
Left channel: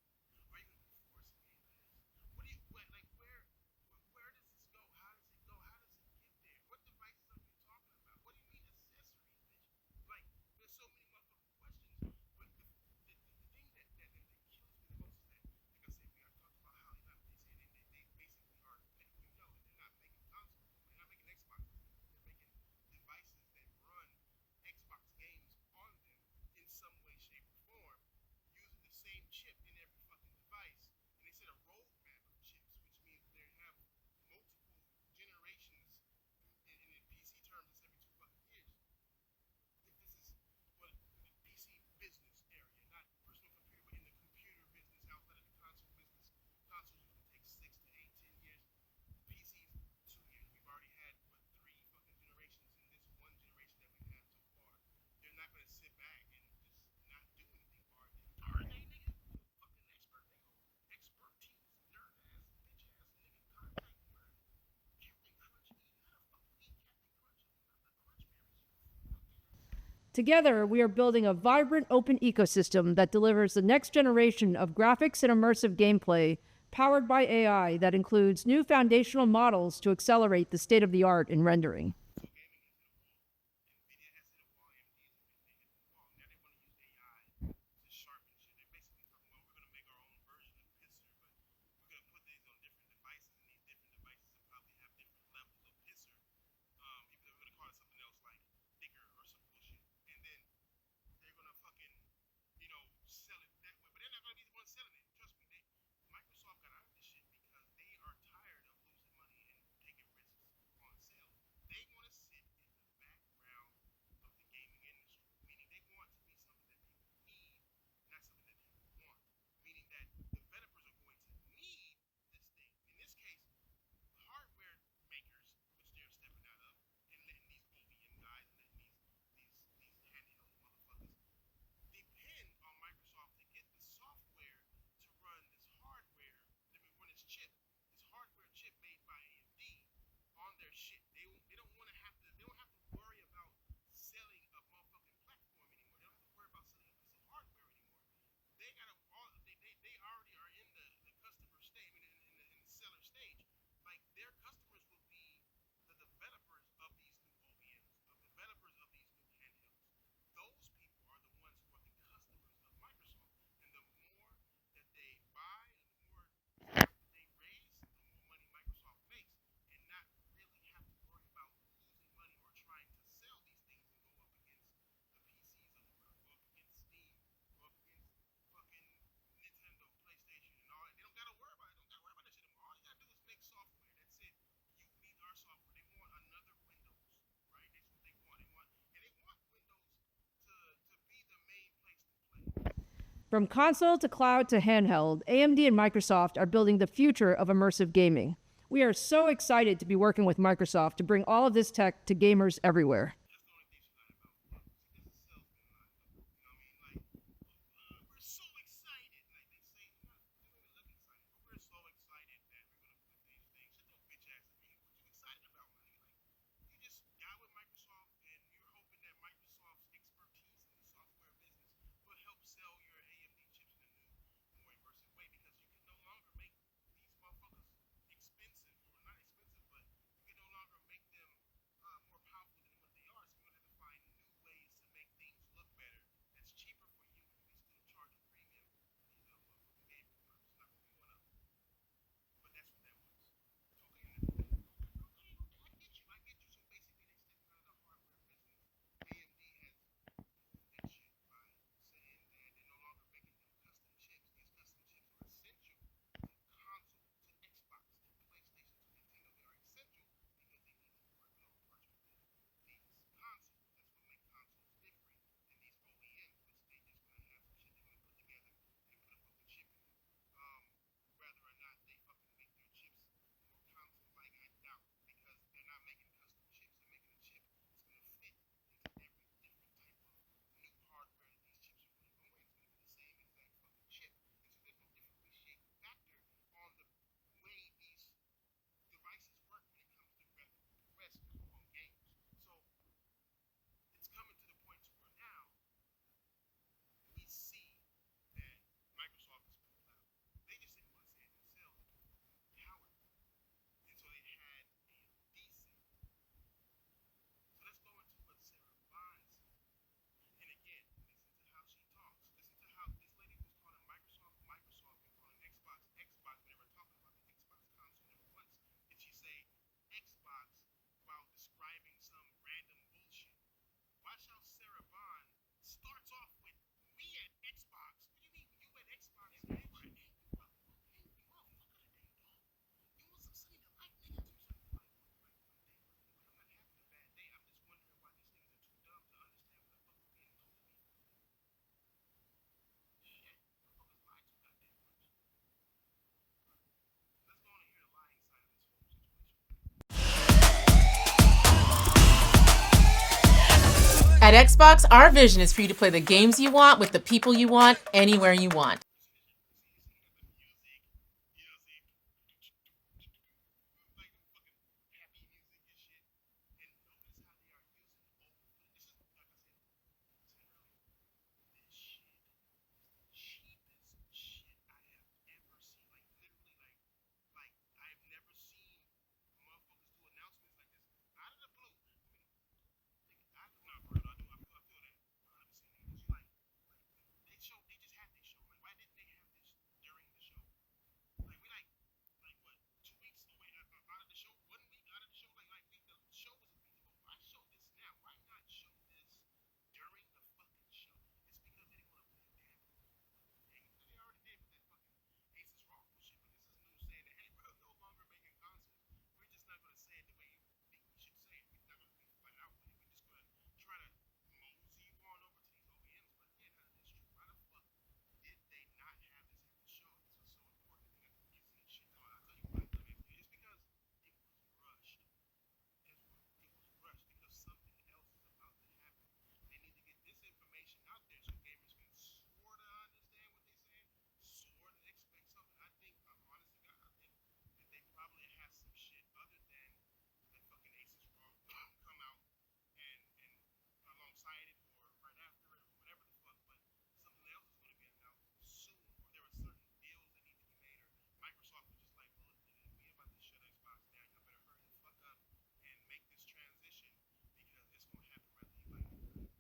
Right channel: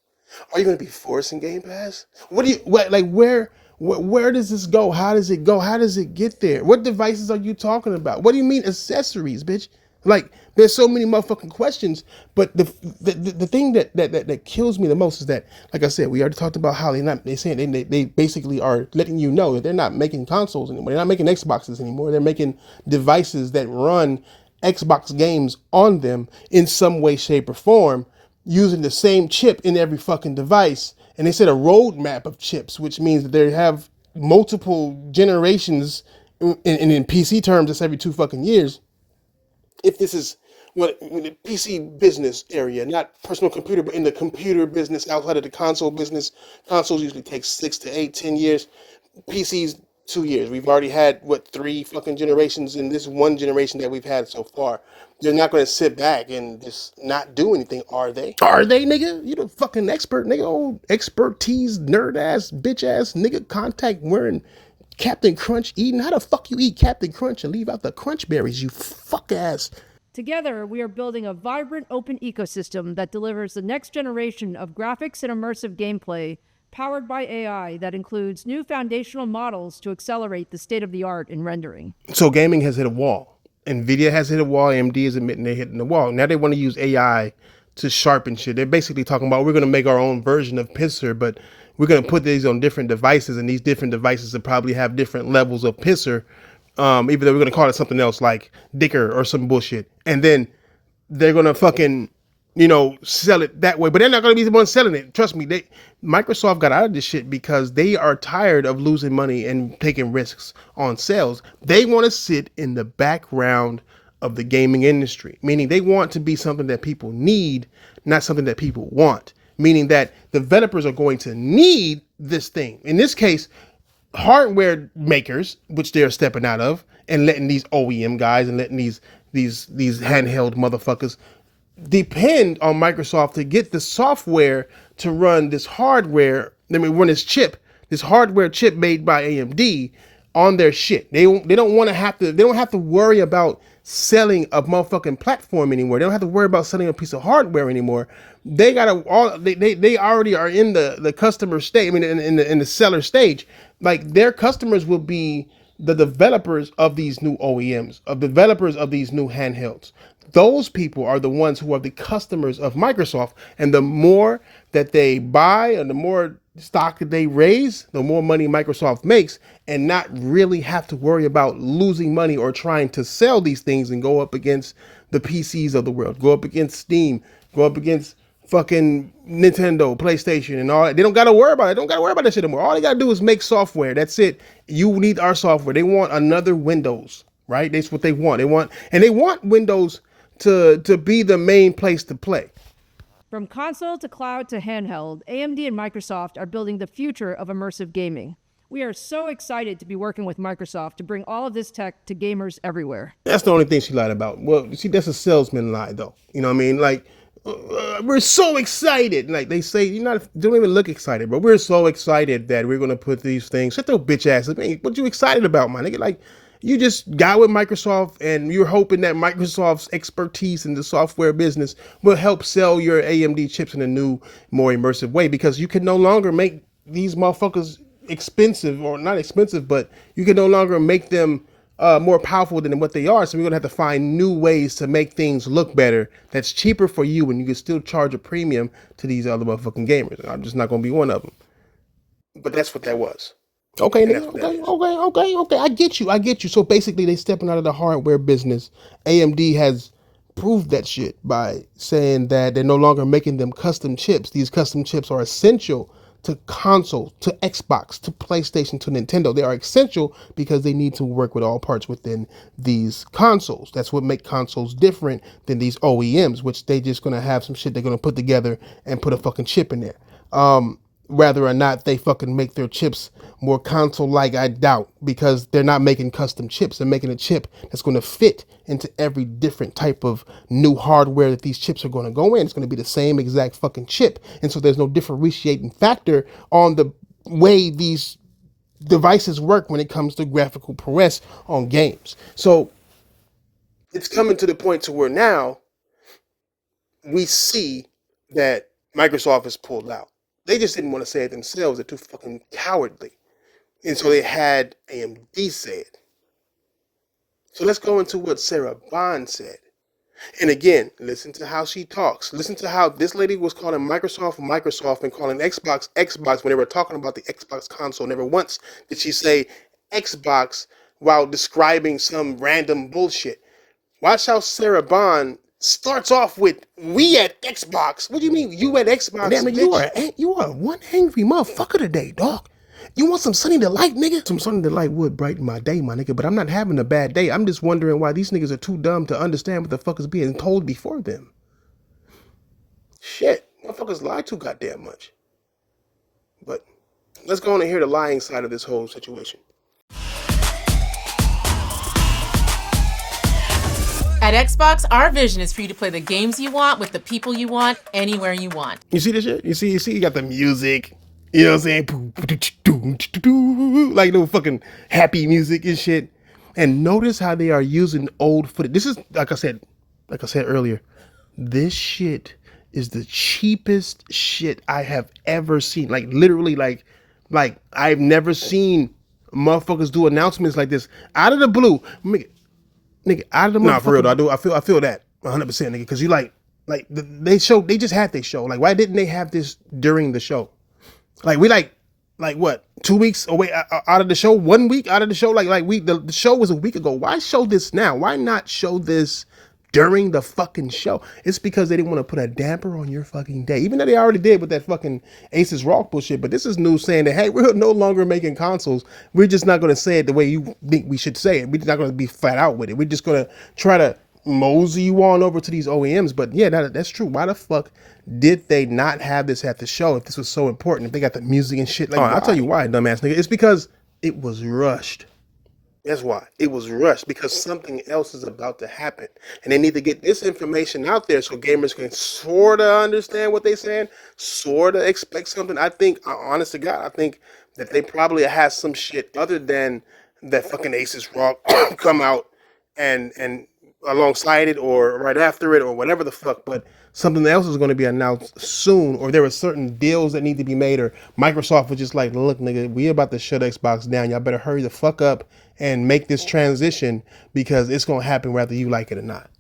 Are you gonna be forcing Game Pass? Where does this go? How does it go? How does it get there? What devices are you talking about? What do you mean accessories, bitch? Like there's so many motherfucking questions. But the thing that kills me the most is that, like I said, we already talked about how they basically are letting you know that they're not making consoles anymore. They're not making Xboxes anymore. They're making devices that run Xbox games on them in some way, shape, or form using the same chip in every fucking device. And they said a roadmap of chips, which means that they have multiple generations in PC terms, it's every 2 fucking years. If this is what in the PC business area, not personal computer, but in the computer business outside of the console business, consoles usually take 6 to 8, 10 years. PCs 2 years. We've already had what 3 fucking generations in this one generation that we've had so far. They're not going to sit back and just not do anything, are they? Are they, nigga? You the fucking expert, nigga. Old expertise, nerd ass, bitch ass, nigga. Contact wearing Captain Crunch eating. How the fuck you eat Captain Crunch and leave out the crunch berries? You fuck ass. Together, we are building a vibrant open ecosystem that delivers the next generation of graphics and immersive gameplay powered by AI that includes new foundational models to accelerate the state of the art in rendering. So gaming has hit a wall. Nvidia has hit a wall. AMD is admitting they're hitting the wall. Now they want to use AI to sharpen shit. They're basically talking about we're going to make our own version of Pisser, but we're going to put these on different devices, and these different devices will probably have different levels of Pisser. Even though we're going to call it something else like Dicker or some bullshit. And then they're gonna fucking, sell it that way. But they're not gonna be the ones selling it. Trust me, Microsoft got out of this shit because they are tired of losing money and taking risks on sales. They want to sit in the background of the gaming industry, meaning they want to be something that people need, not something that people want. Meaning that developers are going to need this thing. In this case, hardware makers, which they're stepping out of, and letting these OEM guys and letting these handheld motherfuckers depend on Microsoft to get the software to run this hardware. I mean, run this hardware chip made by AMD on their shit. They don't want to have to. They don't have to worry about selling a motherfucking platform anymore. They don't have to worry about selling a piece of hardware anymore. They gotta all. They already are in the customer stage. I mean, in the seller stage. Like their customers will be the developers of these new OEMs, of developers of these new handhelds. Those people are the ones who are the customers of Microsoft. And the more that they buy and the more stock that they raise, the more money Microsoft makes, and not really have to worry about losing money or trying to sell these things and go up against the PCs of the world, go up against Steam, go up against fucking Nintendo, PlayStation, and all that. They don't gotta worry about it. They don't gotta worry about that shit anymore. All they gotta do is make software. That's it. You need our software. They want another Windows, right? That's what they want. They want Windows to be the main place to play. From console to cloud to handheld, AMD and Microsoft are building the future of immersive gaming. We are so excited to be working with Microsoft to bring all of this tech to gamers everywhere. That's the only thing she lied about. Well, see, that's a salesman lie, though. You know what I mean? Like, we're so excited. Like they say, don't even look excited, but we're so excited that we're gonna put these things. Shut their bitch ass. Man, what you excited about, my nigga? Like, you just got with Microsoft and you're hoping that Microsoft's expertise in the software business will help sell your AMD chips in a new, more immersive way, because you can no longer make these motherfuckers expensive, or not expensive, but you can no longer make them more powerful than what they are. So we're gonna have to find new ways to make things look better. That's cheaper for you, and you can still charge a premium to these other motherfucking gamers. I'm just not gonna be one of them. But that's what that was. Okay, nigga. Okay. I get you. So basically, they stepping out of the hardware business. AMD has proved that shit by saying that they're no longer making them custom chips. These custom chips are essential to consoles, to Xbox, to PlayStation, to Nintendo. They are essential because they need to work with all parts within these consoles. That's what makes consoles different than these OEMs, which they just gonna have some shit they're gonna put together and put a fucking chip in there. Whether or not they fucking make their chips more console-like, I doubt, because they're not making custom chips. They're making a chip that's going to fit into every different type of new hardware that these chips are going to go in. It's going to be the same exact fucking chip. And so there's no differentiating factor on the way these devices work when it comes to graphical prowess on games. So it's coming to the point to where now we see that Microsoft has pulled out. They just didn't want to say it themselves. They're too fucking cowardly. And so they had AMD say it. So let's go into what Sarah Bond said. And again, listen to how she talks. Listen to how this lady was calling Microsoft Microsoft and calling Xbox Xbox when they were talking about the Xbox console. Never once did she say Xbox while describing some random bullshit. Watch how Sarah Bond starts off with "We at Xbox." What do you mean you at Xbox? Damn it, you are one angry motherfucker today, dog. You want some Sunny Delight, nigga? Some Sunny Delight would brighten my day, my nigga. But I'm not having a bad day. I'm just wondering why these niggas are too dumb to understand what the fuck is being told before them. Shit, motherfuckers lie too goddamn much. But let's go on and hear the lying side of this whole situation. At Xbox, our vision is for you to play the games you want with the people you want, anywhere you want. You see this shit? You see, you got the music. You know what I'm saying? Like no fucking happy music and shit. And notice how they are using old footage. This is like I said earlier. This shit is the cheapest shit I have ever seen. Like literally, like I've never seen motherfuckers do announcements like this out of the blue. Nigga, out of the motherfucker. Nah, for real though. I feel that 100%, nigga. Because you like they just had their show. Like, why didn't they have this during the show? Like, we like what, 2 weeks away out of the show, 1 week out of the show. The show was a week ago. Why show this now? Why not show this during the fucking show? It's because they didn't want to put a damper on your fucking day, even though they already did with that fucking Aces Rock bullshit. But this is news saying that, hey, we're no longer making consoles. We're just not going to say it the way you think we should say it. We're not going to be flat out with it. We're just going to try to mosey you on over to these OEMs. But yeah, that's true. Why the fuck did they not have this at the show if this was so important? If they got the music and shit, like, I'll tell you why, dumbass nigga. It's because it was rushed. That's why. It was rushed because something else is about to happen. And they need to get this information out there so gamers can sort of understand what they're saying, sort of expect something. I think, honest to God, I think that they probably have some shit other than that fucking Aces Rock come out and alongside it or right after it or whatever the fuck. But something else is going to be announced soon, or there are certain deals that need to be made, or Microsoft was just like, look, nigga, we about to shut Xbox down. Y'all better hurry the fuck up and make this transition because it's going to happen whether you like it or not.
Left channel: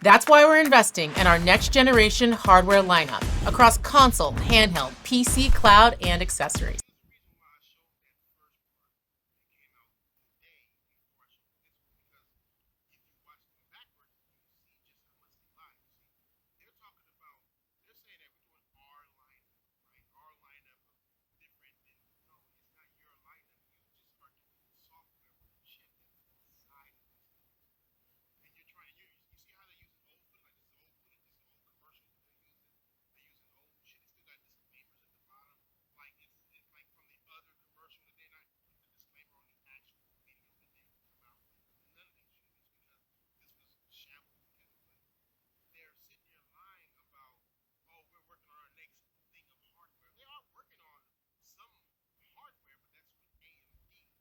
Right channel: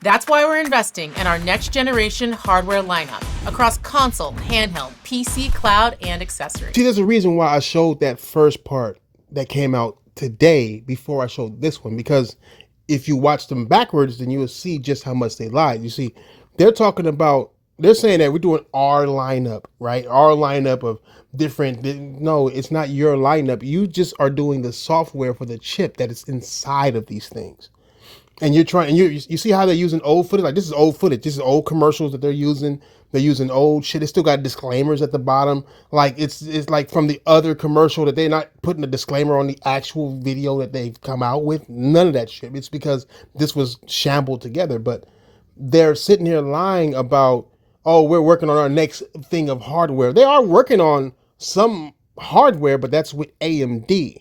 That's why we're investing in our next generation hardware lineup across console, handheld, PC, cloud, and accessories. See, there's a reason why I showed that first part that came out today before I showed this one, because if you watch them backwards, then you will see just how much they lied. You see, they're saying that we're doing our lineup, right? Our lineup of different. No, it's not your lineup. You just are doing the software for the chip that is inside of these things. And you're trying, and you see how they're using old footage? Like, this is old footage. This is old commercials that they're using. They're using old shit. It's still got disclaimers at the bottom. Like, it's like from the other commercial that they're not putting a disclaimer on the actual video that they've come out with. None of that shit. It's because this was shambled together. But they're sitting here lying about, oh, we're working on our next thing of hardware. They are working on some hardware, but that's with AMD.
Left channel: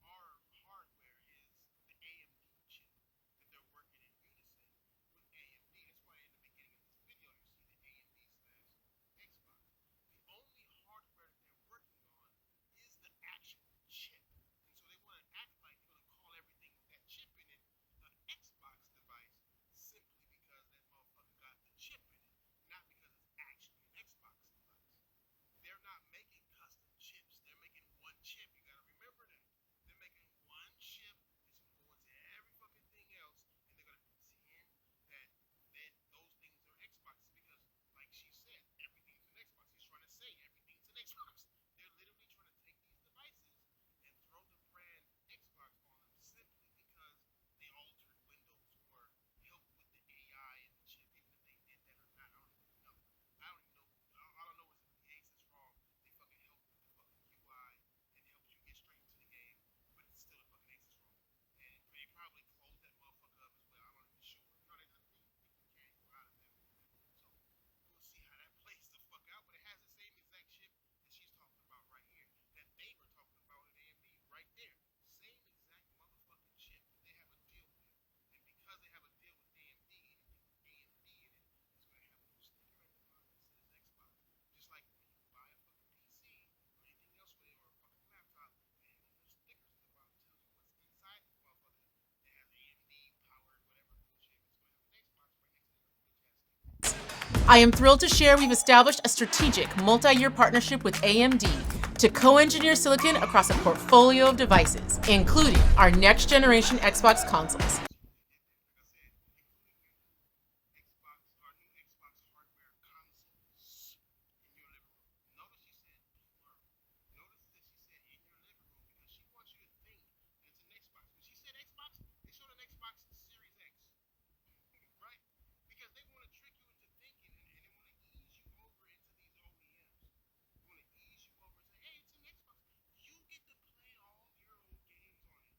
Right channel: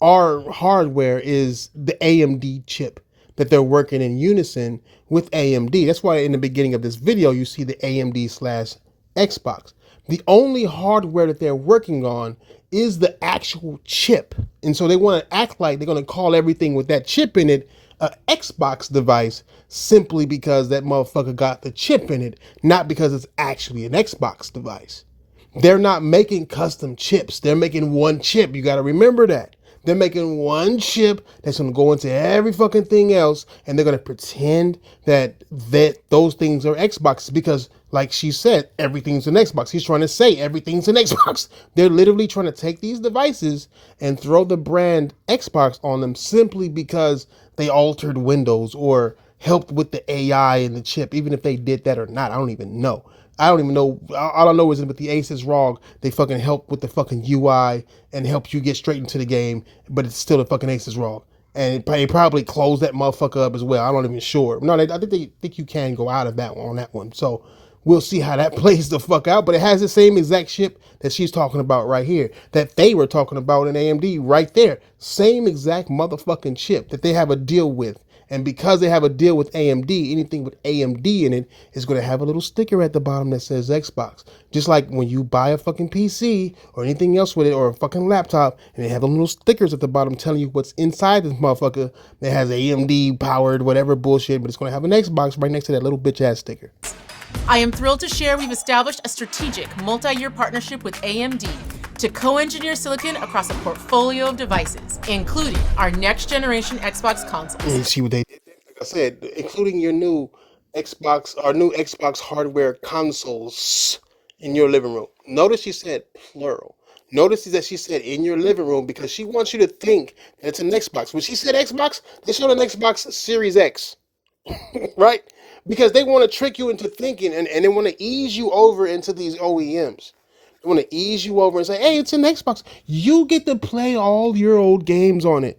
Our hardware is the AMD chip that they're working in unison with AMD. That's why in the beginning of this video, you see the AMD/Xbox. The only hardware that they're working on is the actual chip. And so they want to act like they're going to call everything with that chip in it a Xbox device simply because that motherfucker got the chip in it, not because it's actually an Xbox device. They're not making custom chips. They're making one chip. You got to remember that. They're making one chip that's going to go into every fucking thing else, and they're going to pretend that those things are Xboxes because, like she said, everything's an Xbox. He's trying to say everything's an Xbox. They're literally trying to take these devices and throw the brand Xbox on them simply because they altered Windows or helped with the AI and the chip, even if they did that or not. I don't even know. All I know is that with the Aces ROG, they fucking help with the fucking UI and help you get straight into the game, but it's still the fucking Aces ROG. And they probably close that motherfucker up as well. I'm not even sure. No, I think they think you can go out of that one on that one. So we'll see how that plays the fuck out. But it has the same exact chip that she's talking about right here, that they were talking about in AMD right there. Same exact motherfucking chip that they have a deal with. And because they have a deal with AMD, anything with AMD in it is going to have a little sticker at the bottom that says Xbox. Just like when you buy a fucking PC or anything else with it or a fucking laptop, and they have the little stickers at the bottom telling you what's inside this motherfucker that has AMD powered whatever bullshit, but it's going to have an Xbox right next to that little bitch ass sticker. I am thrilled to share we've established a strategic multi-year partnership with AMD to co-engineer silicon across a portfolio of devices, including our next generation Xbox consoles. And you see what they did? I said, including your new Xbox hardware consoles in your living room. Notice she said plural. Notice that she said in your living room because she wants you to think that it's an Xbox. When she said Xbox, they showed an Xbox Series X, right? Because they want to trick you into thinking and they want to ease you over into these OEMs. They want to ease you over and say, hey, it's an Xbox. You get to play all your old games on it.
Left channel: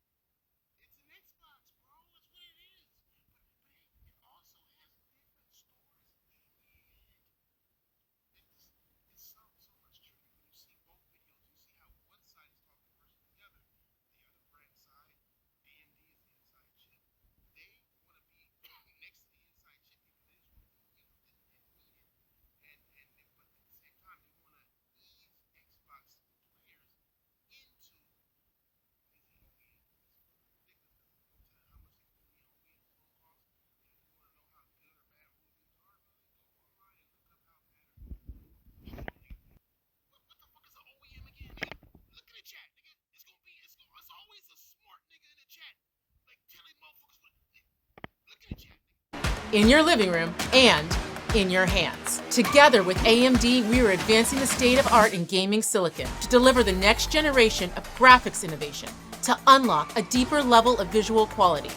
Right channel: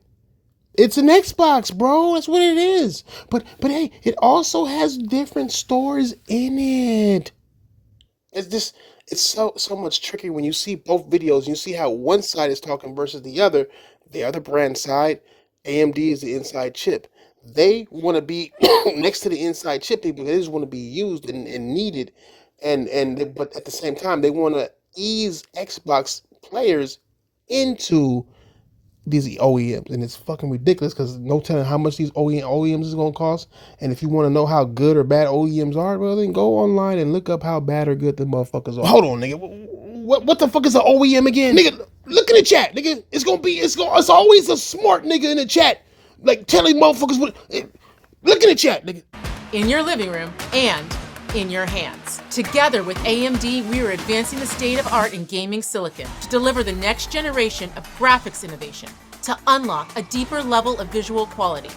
It's an Xbox, bro. That's what it is. But hey, it also has different stores in it. It's just it's so much trickier when you see both videos. You see how one side is talking versus the other. The other brand side, AMD is the inside chip. They want to be next to the inside chip people. They just want to be used and needed, but at the same time they want to ease Xbox players into these OEMs, and it's fucking ridiculous because no telling how much these OEMs is gonna cost. And if you want to know how good or bad OEMs are, well, then go online and look up how bad or good the motherfuckers are. Hold on, nigga. What the fuck is an OEM again, nigga? Look in the chat, nigga. It's always a smart nigga in the chat, like telling motherfuckers what. Look in the chat, nigga. In your living room and in your hands. Together with AMD, we are advancing the state of art in gaming silicon to deliver the next generation of graphics innovation, to unlock a deeper level of visual quality,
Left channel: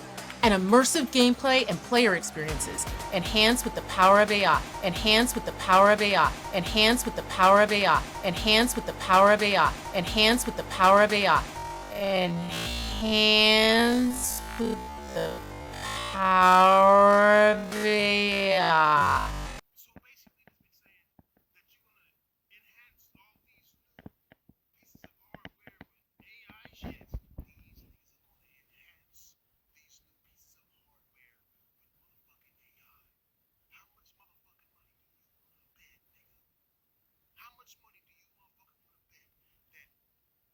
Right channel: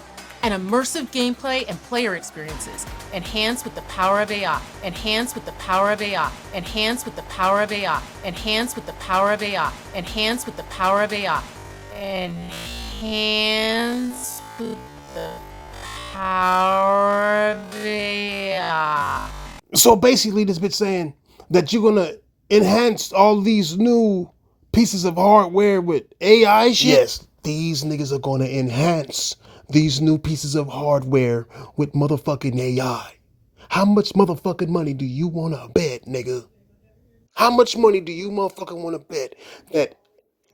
and immersive gameplay and player experiences, enhanced with the power of AI, enhanced with the power of AI, enhanced with the power of AI, enhanced with the power of AI, enhanced with the power of AI, enhanced with the power of AI. So basically, this bitch saying that you're gonna enhance all these new pieces of hardware with AI shit. Yes, these niggas are gonna enhance these new pieces of hardware with motherfucking AI. How much motherfucking money do you wanna bet, nigga? How much money do you motherfucking wanna bet that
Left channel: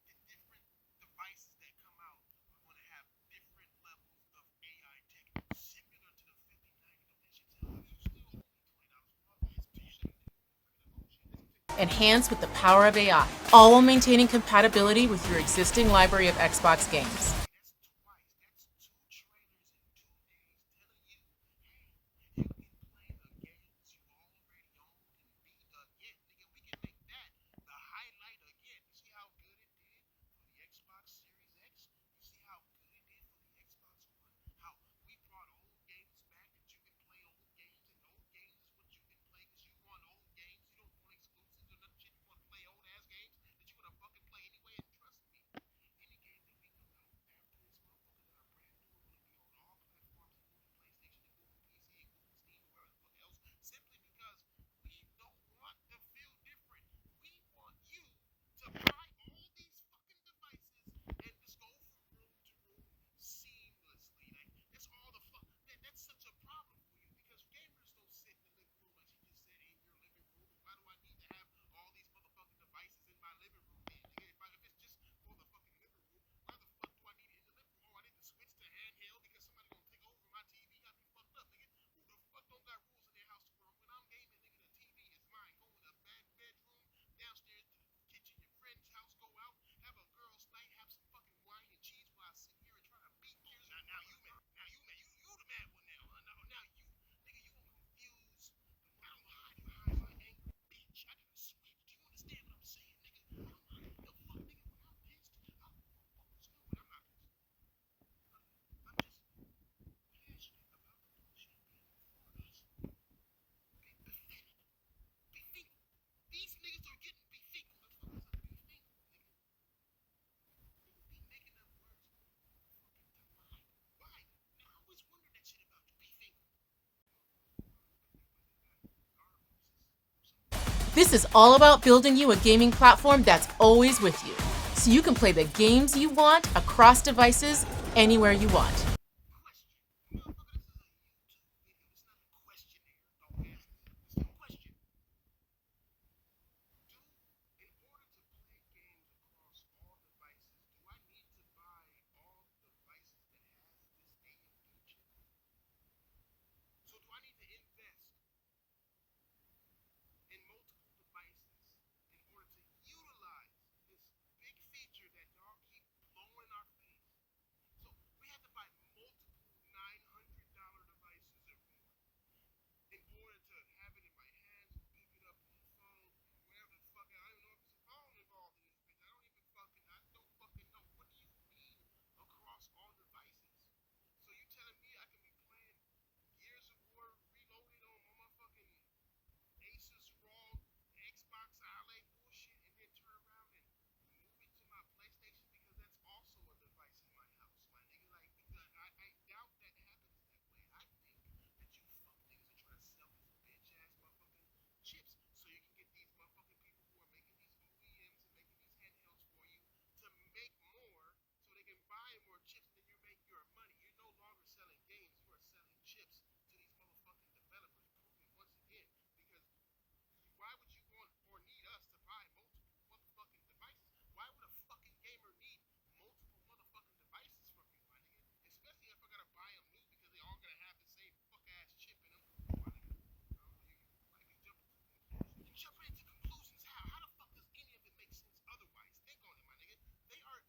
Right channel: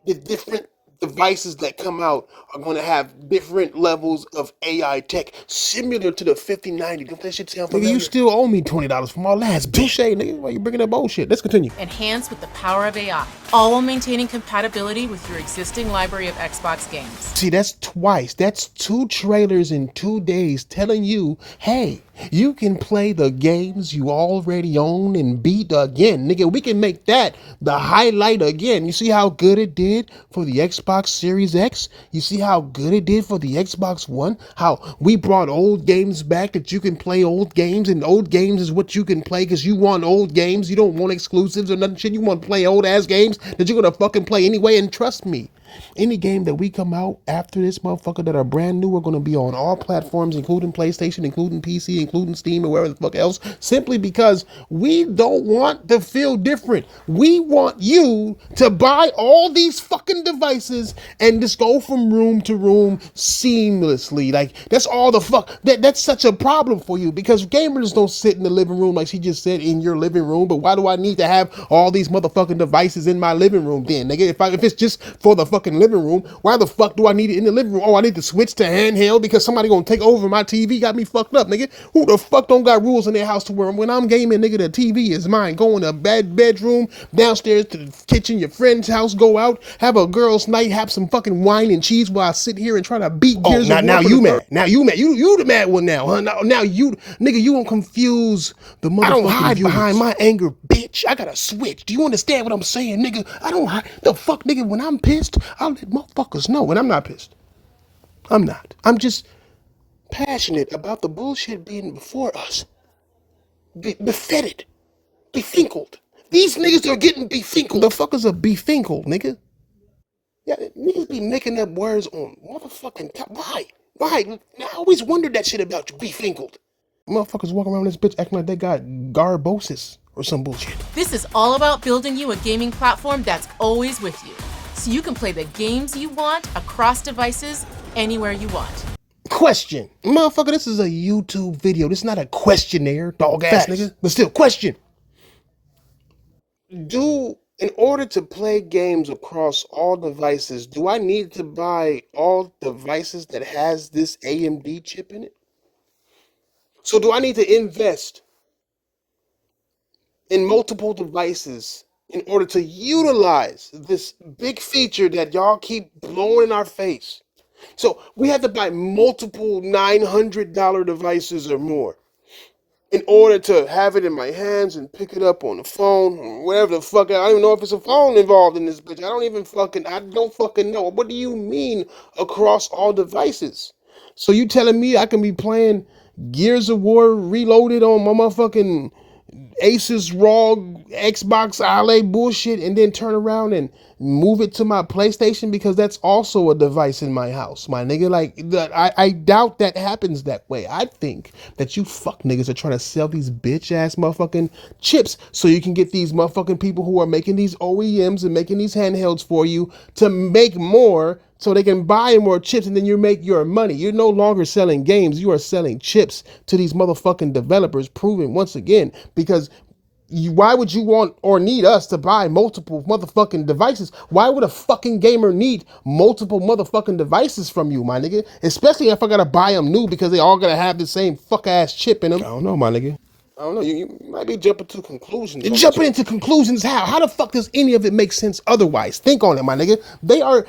the different devices that come out are going to have different levels of AI tech, similar to the 5090? Don't that shit sound familiar? Nigga, you still owe me $20 from our last bet. Touche, nigga. Why you bringing that bullshit? Let's continue. Enhance with the power of AI, all while maintaining compatibility with your existing library of Xbox games. See, that's twice. That's 2 trailers in 2 days telling you, hey, you can play the games you already own and beat again. Nigga, we can make that the highlight again. You see how good it did for the Xbox Series X? You see how good it did for the Xbox One? How we brought old games back that you can play old games, and old games is what you can play because you want old games. You don't want exclusives or nothing shit. You want to play old ass games that you're going to fucking play anyway. And trust me, any game that we come out after this motherfucker that are brand new are going to be on all platforms, including PlayStation, including PC, including Steam, or wherever the fuck else, simply because we don't want to feel different. We want you to buy all these fucking devices and just go from room to room seamlessly. Like, that's all the fuck. That's such a problem for you because gamers don't sit in the living room, like she just said, in your living room. But why do I need to have all these motherfucking devices in my living room then, nigga? If it's just for the fucking living room, why the fuck do I need it in the living room? Oh, I need to switch to handheld because somebody gonna take over my TV. Got me fucked up, nigga. Who the fuck don't got rules in their house to where when I'm gaming, nigga, the TV is mine. Go in the bedroom, downstairs to the kitchen, your friend's house, go out, have a girl's night, have some fucking wine and cheese while I sit here and try to beat Gears of War. Now you mad. Now you mad. You the mad one now, huh? Now you, nigga, you won't confuse the motherfucking I don't hide viewers behind my anger, bitch. I gotta switch. Do you understand what I'm saying, nigga? I don't hide. The fuck, nigga, when I'm pissed, I'll let motherfuckers know when I'm not pissed. I'm not. I'm just passionate about the bullshit being before us. Befetted. Befinkled. These niggas are getting befinkled. The fuckers are befinkled, nigga. Yeah, niggas be making up words on motherfucking top. Why? Why? I always wondered that shit about you, befinkled. Motherfuckers walking around this bitch acting like they got garbosis or some bullshit. This is all about building you a gaming platform that's always with you, so you can play the games you want across devices anywhere you want. Question. Motherfucker, this is a YouTube video. This is not a questionnaire, dog ass nigga. But still, question. In order to play games across all devices, do I need to buy all devices that has this AMD chip in it? So do I need to invest in multiple devices in order to utilize this big feature that y'all keep blowing in our face? So we have to buy multiple $900 devices or more in order to have it in my hands and pick it up on the phone or whatever the fuck. I don't even know if it's a phone involved in this bitch. I don't fucking know. What do you mean across all devices? So you telling me I can be playing Gears of War Reloaded on my motherfucking Asus ROG Xbox Ale bullshit and then turn around and move it to my PlayStation because that's also a device in my house, my nigga. I doubt that happens that way. I think that you fuck niggas are trying to sell these bitch ass motherfucking chips so you can get these motherfucking people who are making these OEMs and making these handhelds for you to make more so they can buy more chips and then you make your money. You're no longer selling games. You are selling chips to these motherfucking developers, proving once again, because why would you want or need us to buy multiple motherfucking devices? Why would a fucking gamer need multiple motherfucking devices from you, my nigga? Especially if I gotta buy them new because they all gotta have the same fuck ass chip in them. I don't know, my nigga. I don't know. You might be jumping to conclusions. Jumping into conclusions how? How the fuck does any of it make sense otherwise? Think on it, my nigga.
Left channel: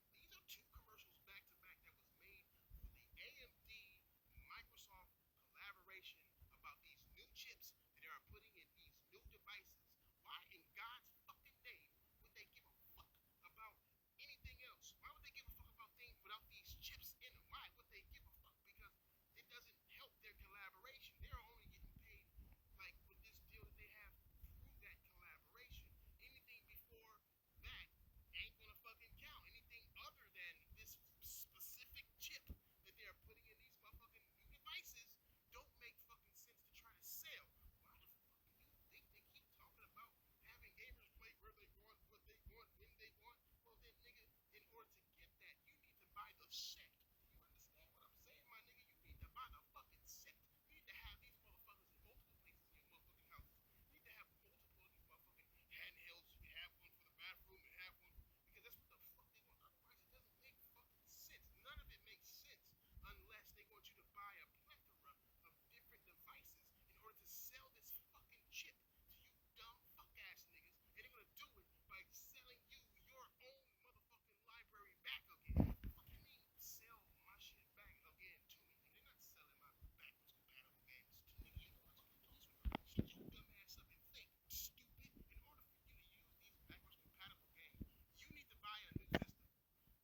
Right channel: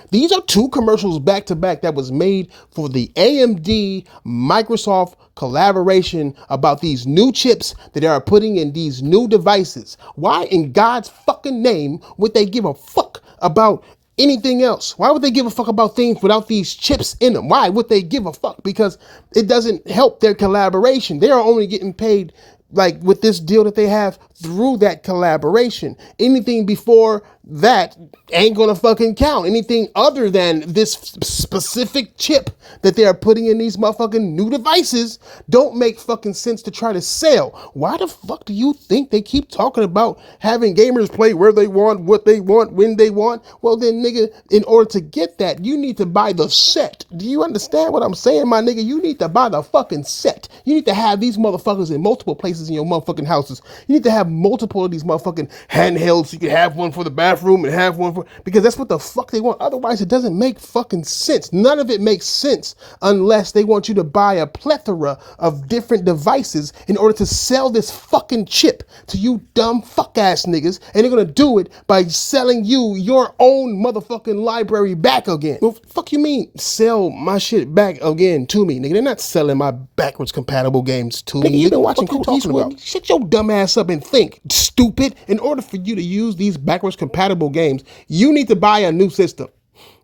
These are two commercials back to back that was made for the AMD Microsoft collaboration about these new chips that they are putting in these new devices. Why in God's fucking name would they give a fuck about anything else? Why would they give a fuck about things without these chips in them? Why would they give a fuck? Because it doesn't help their collaboration. They are only getting paid like with this deal that they have through that collaboration. Anything before that ain't gonna fucking count. Anything other than this specific chip that they are putting in these motherfucking new devices don't make fucking sense to try to sell. Why the fuck do you think they keep talking about having gamers play where they want, what they want, when they want? Well then, nigga, in order to get that, you need to buy the set. Do you understand what I'm saying, my nigga? You need to buy the fucking set. You need to have these motherfuckers in multiple places in your motherfucking houses. You need to have multiple of these motherfucking handhelds. So you can have one for the bathroom and have one for, because that's what the fuck they want. Otherwise, it doesn't make fucking sense. None of it makes sense unless they want you to buy a plethora of different devices in order to sell this fucking chip to you dumb fuck ass niggas. And they're gonna do it by selling you your own motherfucking library back again. Well, fuck you mean sell my shit back again to me, nigga? They're not selling my backwards compatible games to me. You've been watching Clint Eastwood. Shut your dumb ass up and think, stupid. In order for you to use these backwards compatible games, you need to buy a new system.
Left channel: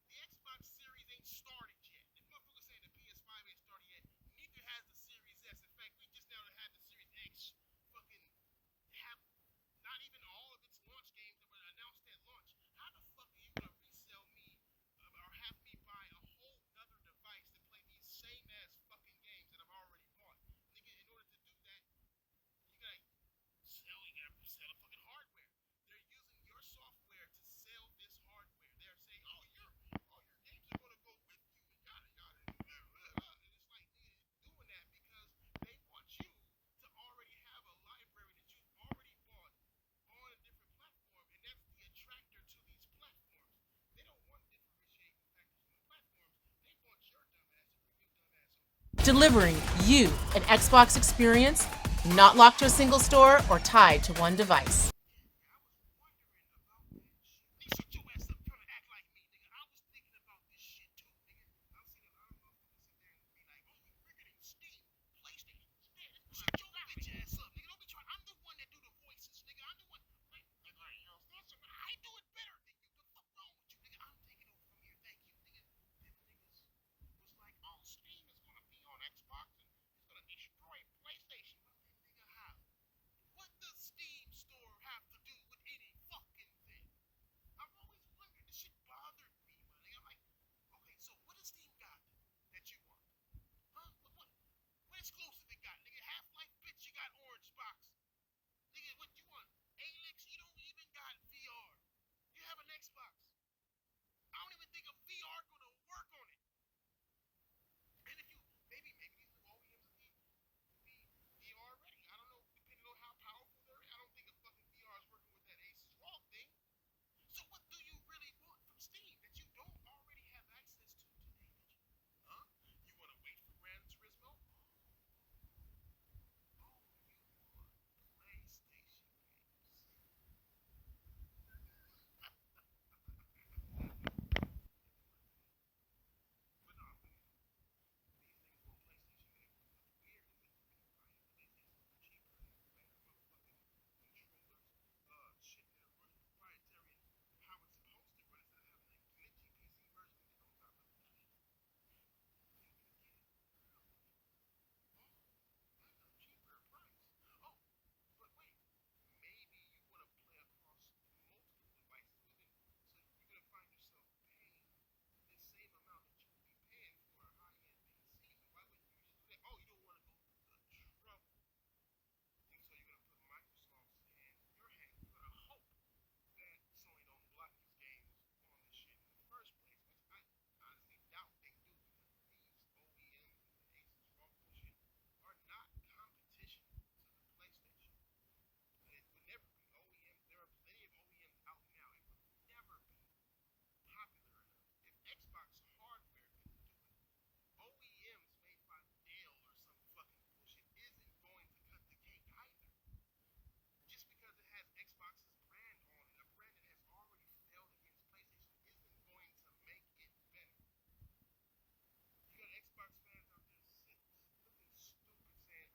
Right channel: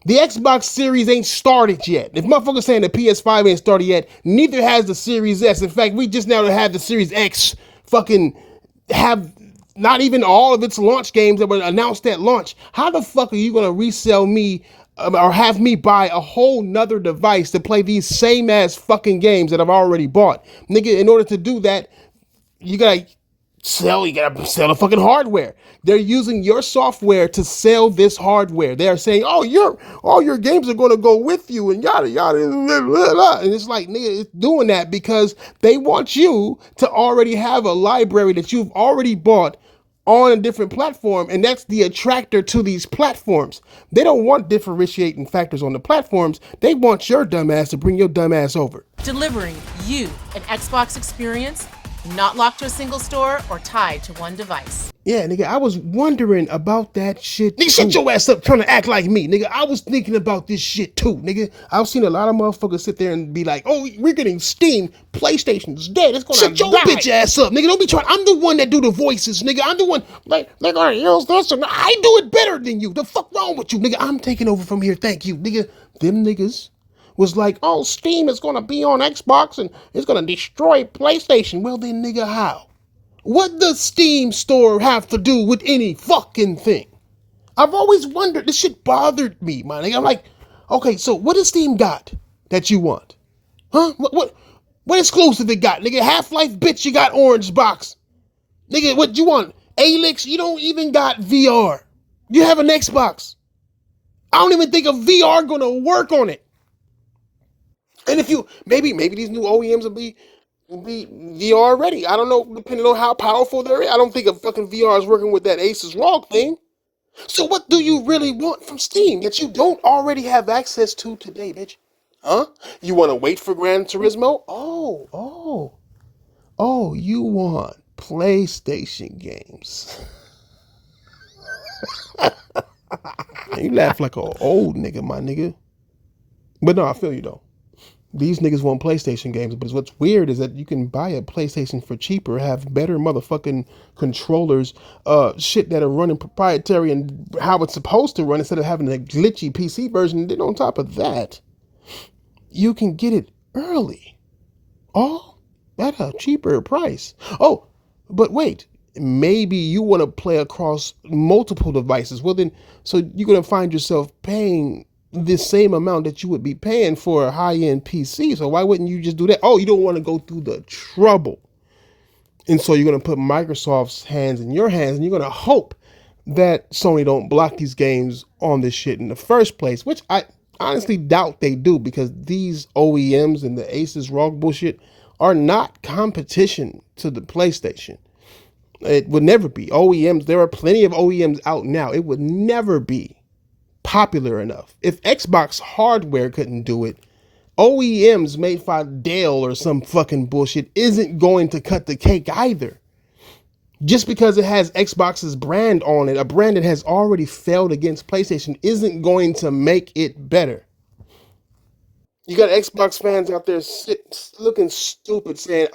The Xbox Series ain't started yet. If motherfuckers saying the PS5 ain't started yet, neither has the Series S. In fact, we just now have the Series X fucking have not even all of its launch games that were announced at launch. How the fuck are you gonna resell me or have me buy a whole nother device to play these same ass fucking games that I've already bought? Nigga, in order to do that, you gotta sell the fucking hardware. They're using your software to sell this hardware. They're saying, oh, all your games are gonna go with you and yada yada blah, blah, blah. And it's like, nigga, it's doing that because they want you to already have a library that you've already bought on a different platform, and that's the attractor to these platforms. They don't want differentiating factors on the platforms. They want your dumb ass to bring your dumb ass over. Delivering you an Xbox experience not locked to a single store or tied to one device. Yeah, nigga, I was wondering about that shit. Nigga, shut your ass up trying to act like me, nigga. I was thinking about this shit too, nigga. I've seen a lot of motherfuckers sit there and be like, oh, we're getting Steam. PlayStation's dead. It's gonna shut your bitch ass up, nigga. Don't be trying. I'm the one that do the voices, nigga. I'm the one, like, they're gonna use this. And I do it better than you. The fuck wrong with you, nigga? I'm taking over from here. Thank you, nigga. Them niggas was like, oh, Steam is gonna be on Xbox and it's gonna destroy PlayStation. Well then, nigga, how? What does Steam store have to do with any fucking thing? I've always wondered. This shit bothered me, my nigga. I'm like, okay, so what does Steam got that you want? Huh? What exclusive it got? Nigga, Half-Life, bitch, you got Orange Box. Nigga, what you want? Alyx, you don't even got VR. You have an Xbox. I don't even think a VR gonna work on it. And if you, maybe these new OEMs will be VR ready. I don't know, depending on how powerful they're. I don't think a fucking VR is working with that Asus ROG thing. So what do you really want from Steam that you don't already have access to today, bitch? Huh? You want to wait for Gran Turismo? Oh, you want PlayStation games. You laugh like an old nigga, my nigga. But no, I feel you though. These niggas want PlayStation games, but what's weird is that you can buy a PlayStation for cheaper, have better motherfucking controllers, shit that are running proprietary and how it's supposed to run instead of having a glitchy PC version. And then on top of that, you can get it early, all at a cheaper price. Oh, but wait, maybe you want to play across multiple devices. Well, then, so you're gonna find yourself paying the same amount that you would be paying for a high-end PC. So why wouldn't you just do that? Oh, you don't want to go through the trouble. And so you're going to put Microsoft's hands in your hands, and you're going to hope that Sony don't block these games on this shit in the first place, which I honestly doubt they do, because these OEMs and the Asus ROG bullshit are not competition to the PlayStation. It would never be. OEMs, there are plenty of OEMs out now. It would never be popular enough. If Xbox hardware couldn't do it, OEMs made by Dell or some fucking bullshit isn't going to cut the cake either. Just because it has Xbox's brand on it, a brand that has already failed against PlayStation, isn't going to make it better. You got Xbox fans out there looking stupid saying,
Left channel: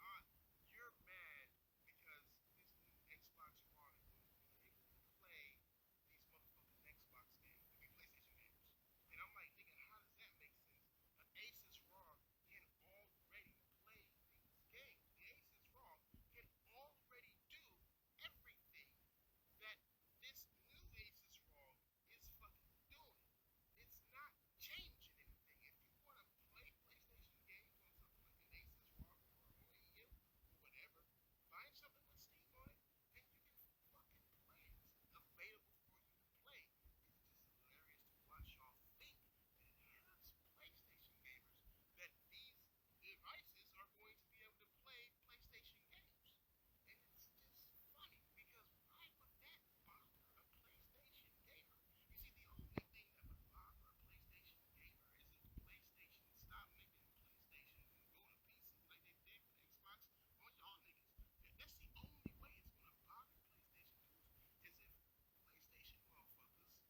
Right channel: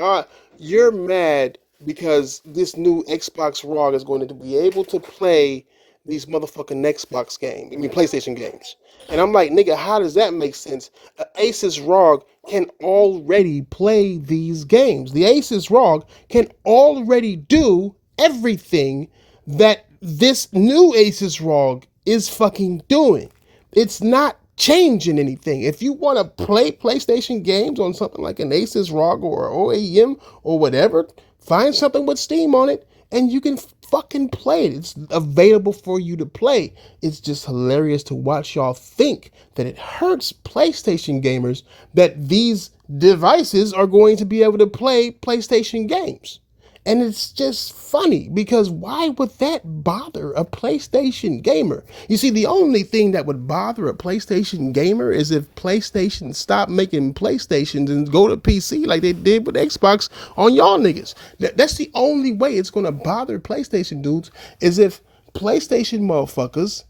you're mad because this new Xbox ROG is going to be able to play these motherfucking Xbox games, PlayStation games. And I'm like, nigga, how does that make sense? Asus ROG can already play these games. The Asus ROG can already do everything that this new Asus ROG is fucking doing. It's not changing anything. If you want to play PlayStation games on something like an Asus ROG or OEM or whatever, find something with Steam on it and you can fucking play it. It's available for you to play. It's just hilarious to watch y'all think that it hurts PlayStation gamers that these devices are going to be able to play PlayStation games. And it's just funny, because why would that bother a PlayStation gamer? You see, the only thing that would bother a PlayStation gamer is if PlayStation stopped making PlayStations and go to PC like they did with Xbox on y'all niggas. That's the only way it's going to bother PlayStation dudes, is if PlayStation motherfuckers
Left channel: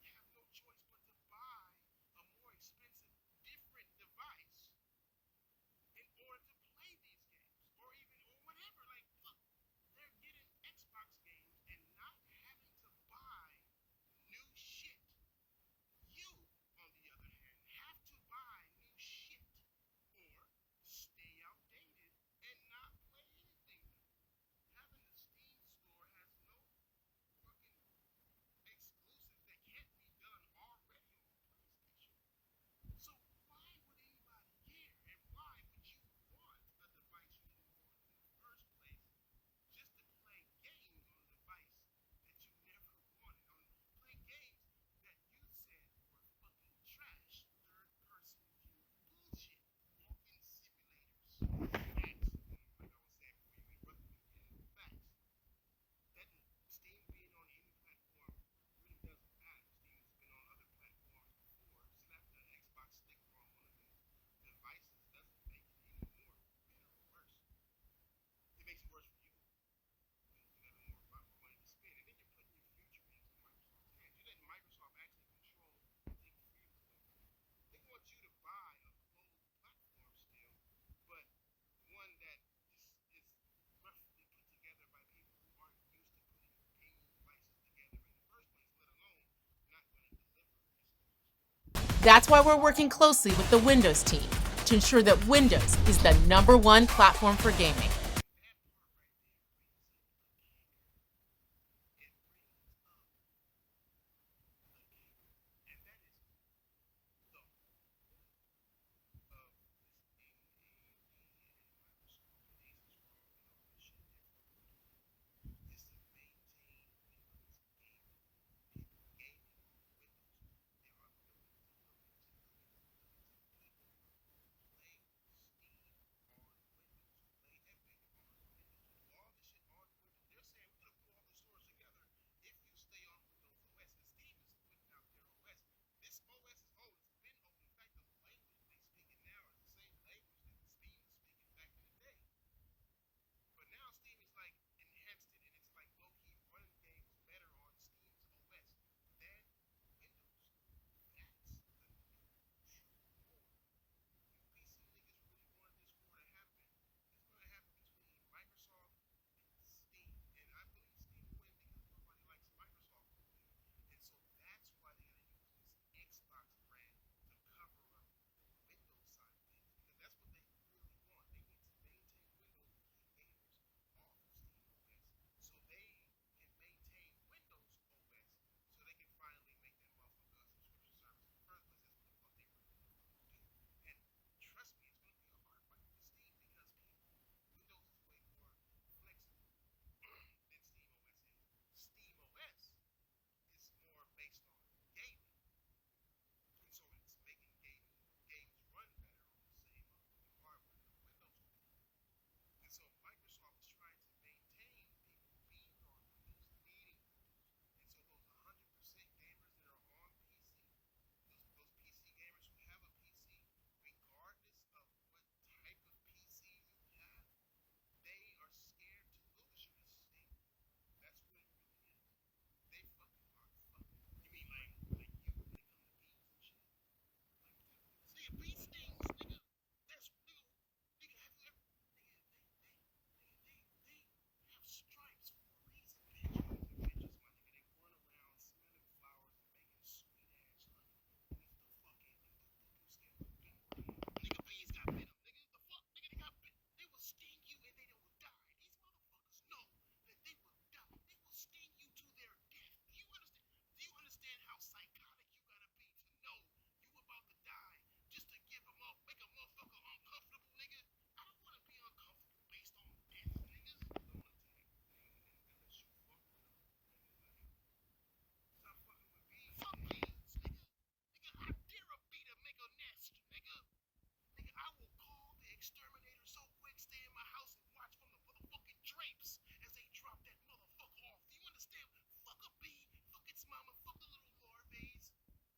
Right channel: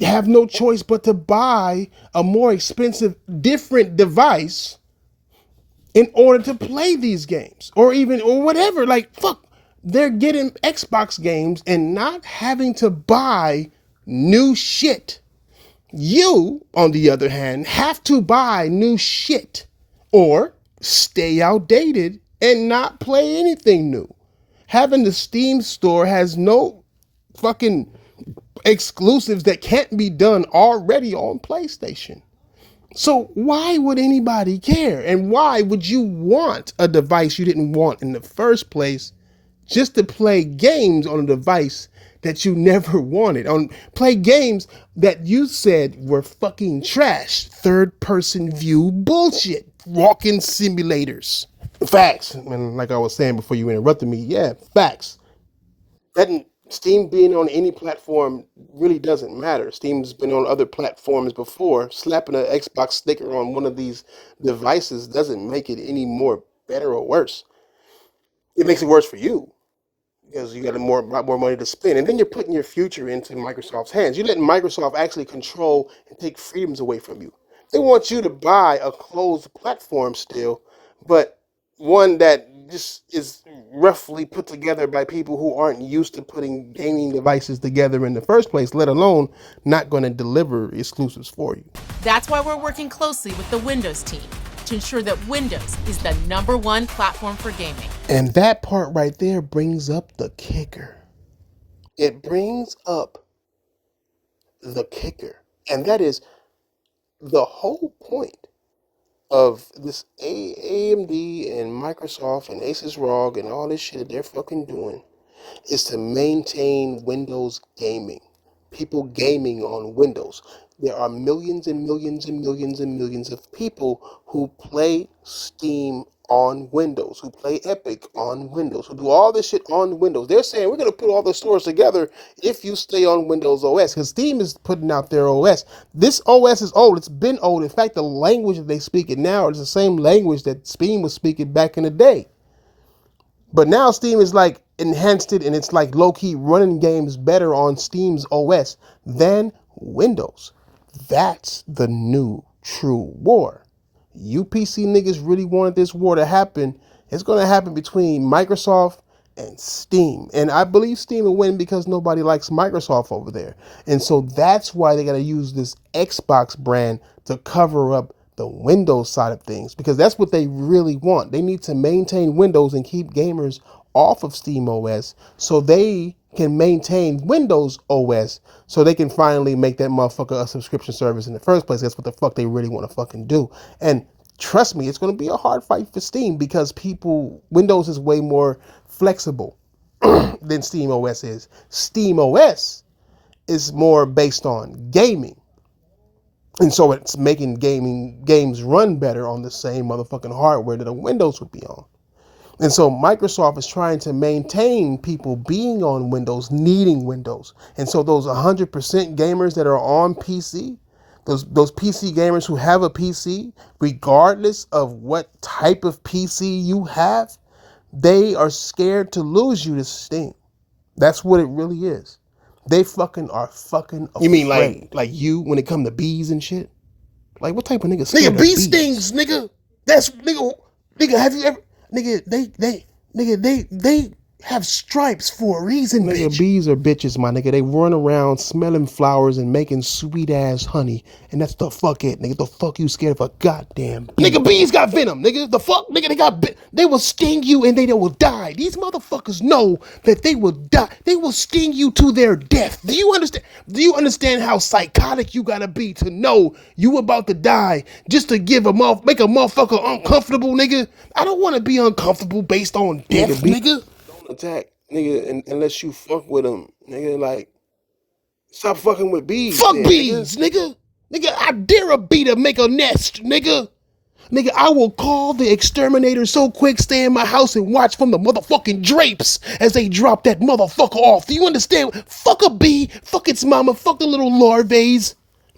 have no choice but to buy a more expensive, different device in order to play these games, or whatever. Like, fuck, they're getting Xbox games and not having to buy new shit. You, on the other hand, have to buy new shit or stay outdated and not play anything new. Having the Steam store has no fucking exclusives that can't be done already on PlayStation. So why would anybody care? And why would you want a device you didn't want in the first place just to play games on a device that you never wanted? Play games that you said were fucking trash, third-person view bullshit, walking simulators. Facts. And like I was saying before you interrupted me, yeah, facts. That Steam being on any platform really doesn't matter. Steam's been on other platforms before. Slapping an Xbox sticker on one of these devices doesn't make it any more better or worse. It makes it worse for you, because you got a lot more money to spend. And then you're putting your future into Microsoft's hands. You're letting Microsoft actually control and take freedoms away from you. They want you to buy a closed platform still, but one that just is roughly put together by people who aren't used to putting gaming devices together in the first place, let alone not going to deliver exclusives for you. That's why we're working closely with the Windows team to ensure that Windows is the #1 platform for gaming. And that part right there brings up the kicker. It brings up the kicker. And that is the whole point of this AMD and Microsoft and Asus ROG and all this shit that they're fucking doing is to maintain Windows gaming. People gaming on Windows. There are millions and millions and millions and millions of people who play Steam on Windows, who play Epic on Windows, who do all this shit on Windows. They're saying we're going to put all the stores together if you stay on Windows OS, because Steam is putting out their OS. This OS is old. It's been old. In fact, the language that they speak it now is the same language that Steam was speaking back in the day. But now Steam is like enhanced it, and it's like low-key running games better on Steam's OS than Windows. That's the new true war. You PC niggas really wanted this war to happen. It's going to happen between Microsoft and Steam. And I believe Steam will win because nobody likes Microsoft over there. And so that's why they got to use this Xbox brand to cover up the Windows side of things, because that's what they really want. They need to maintain Windows and keep gamers off of Steam OS so they can maintain Windows OS so they can finally make that motherfucker a subscription service in the first place. That's what the fuck they really want to fucking do. And trust me, it's going to be a hard fight for Steam because Windows is way more flexible than Steam OS is. Steam OS is more based on gaming. And so it's making games run better on the same motherfucking hardware that a Windows would be on. And so Microsoft is trying to maintain people being on Windows, needing Windows. And so those 100% gamers that are on PC, those PC gamers who have a PC, regardless of what type of PC you have, they are scared to lose you to Steam. That's what it really is. They fucking are fucking afraid. You mean like you when it come to bees and shit? Like what type of nigga scared of bee stings, nigga? That's nigga have you ever they have stripes for a reason, nigga. Bitch. Bees are bitches, my nigga. They run around smelling flowers and making sweet ass honey, and that's the fuck it, nigga. The fuck you scared of a goddamn bee? Nigga, bees got venom, nigga. The fuck, nigga, they will sting you and they will die. These motherfuckers know that they will die. They will sting you to their death. Do you understand? Do you understand how psychotic you gotta be to know you about to die just to make a motherfucker uncomfortable, nigga? I don't want to be uncomfortable based on death, nigga. Attack, nigga, unless you fuck with them, nigga. Like, stop fucking with bees. Fuck then, bees, nigga. Nigga, I dare a bee to make a nest, nigga. Nigga, I will call the exterminator so quick, stay in my house and watch from the motherfucking drapes as they drop that motherfucker off. Do you understand? Fuck a bee, fuck its mama, fuck the little larvae.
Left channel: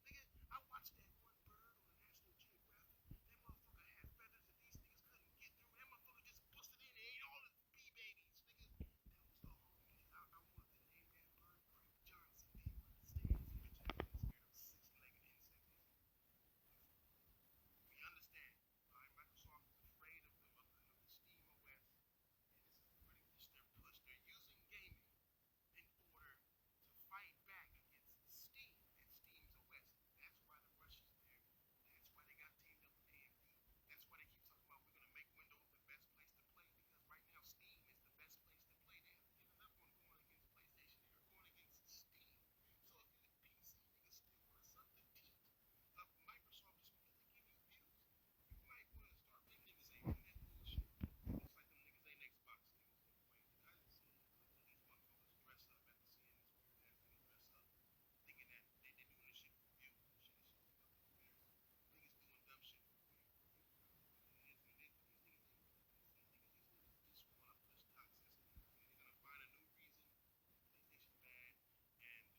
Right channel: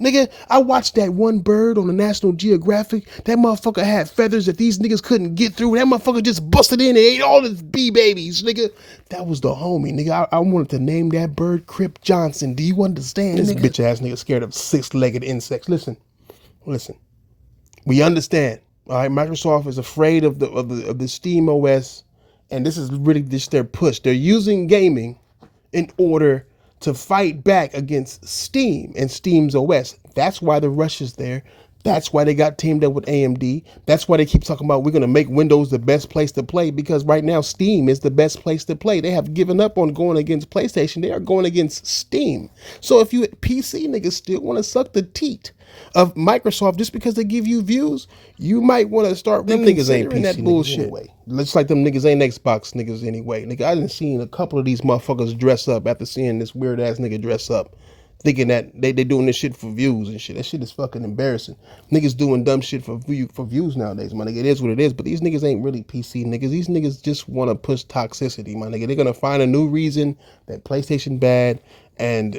Nigga, I watched that one bird on the National Geographic. That motherfucker had feathers that these niggas couldn't get through. That motherfucker just busted in and ate all his bee babies, nigga. That was the homie, nigga. I wanted to name that bird Crip Johnson. Do you understand? This bitch ass nigga scared of six-legged insects. Listen. We understand. All right, Microsoft is afraid of the Steam OS, and this is really just their push. They're using gaming in order to fight back against Steam and Steam's OS. That's why the rush is there. That's why they got teamed up with AMD. That's why they keep talking about we're going to make Windows the best place to play, because right now Steam is the best place to play. They have given up on going against PlayStation. They are going against Steam. So if you PC niggas still want to suck the teat of Microsoft just because they give you views, you might want to start them niggas ain't PC that bullshit anyway. Looks like them niggas ain't Xbox niggas anyway. Nigga, I done seen a couple of these motherfuckers dress up after seeing this weird ass nigga dress up, thinking that they doing this shit for views and shit. That shit is fucking embarrassing. Niggas doing dumb shit for views nowadays, my nigga. It is what it is, but these niggas ain't really PC niggas. These niggas just want to push toxicity, my nigga. They're gonna find a new reason that PlayStation bad and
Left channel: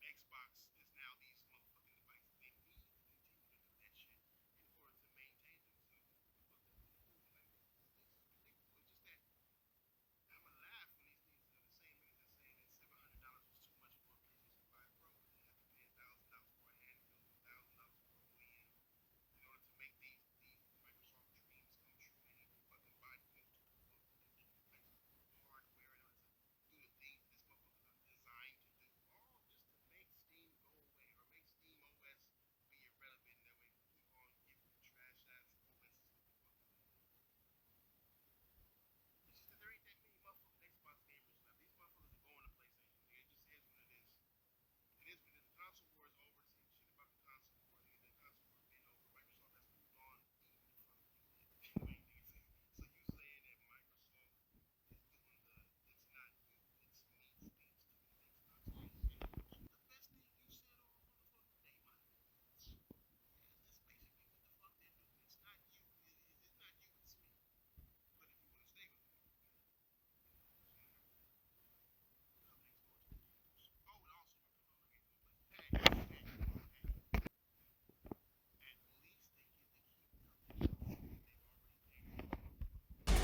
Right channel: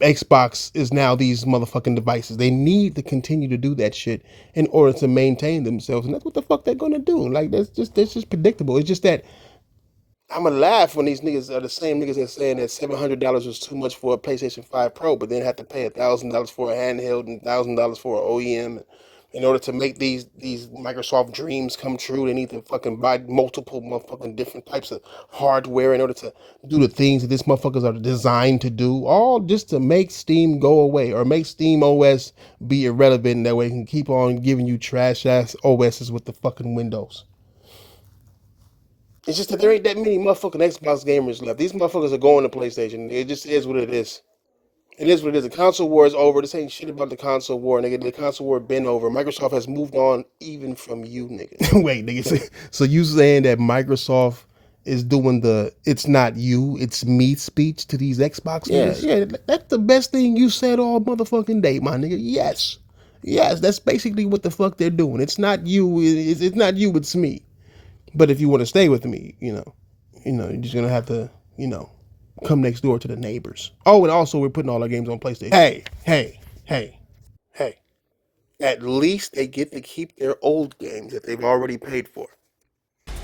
Xbox is now these motherfucking devices. They need to continue to do that shit in order to maintain themselves, and that's what the fuck they're gonna do. Like that's just predictable. It's just that I'm gonna laugh when these niggas are the same niggas that saying that $700 was too much for a PlayStation 5 Pro, but then have to pay $1,000 for a handheld and $1,000 for an OEM. In order to make these Microsoft dreams come true, they need to fucking buy multiple motherfucking different types of hardware in order to do the things that these motherfuckers are designed to do, all just to make Steam go away or make Steam OS be irrelevant, and that way it can keep on giving you trash ass OSs with the fucking Windows. It's just that there ain't that many motherfucking Xbox gamers left. These motherfuckers are going to PlayStation. It just is what it is. It is what it is. The console war is over. This ain't shit about the console war, nigga. The console war been over. Microsoft has moved on even from you, nigga. Wait, nigga. So you saying that Microsoft is doing the "it's not you, it's me" speech to these Xbox niggas? Yeah, that's the best thing you said all motherfucking day, my nigga. Yes, that's basically what the fuck they're doing. It's not you. It's not you. It's me. But if you want to stay with me, you're just gonna have to, come next door to the neighbors. Oh, and also we're putting all our games on PlayStation. Hey. At least they get to keep their old games that they've already paid for.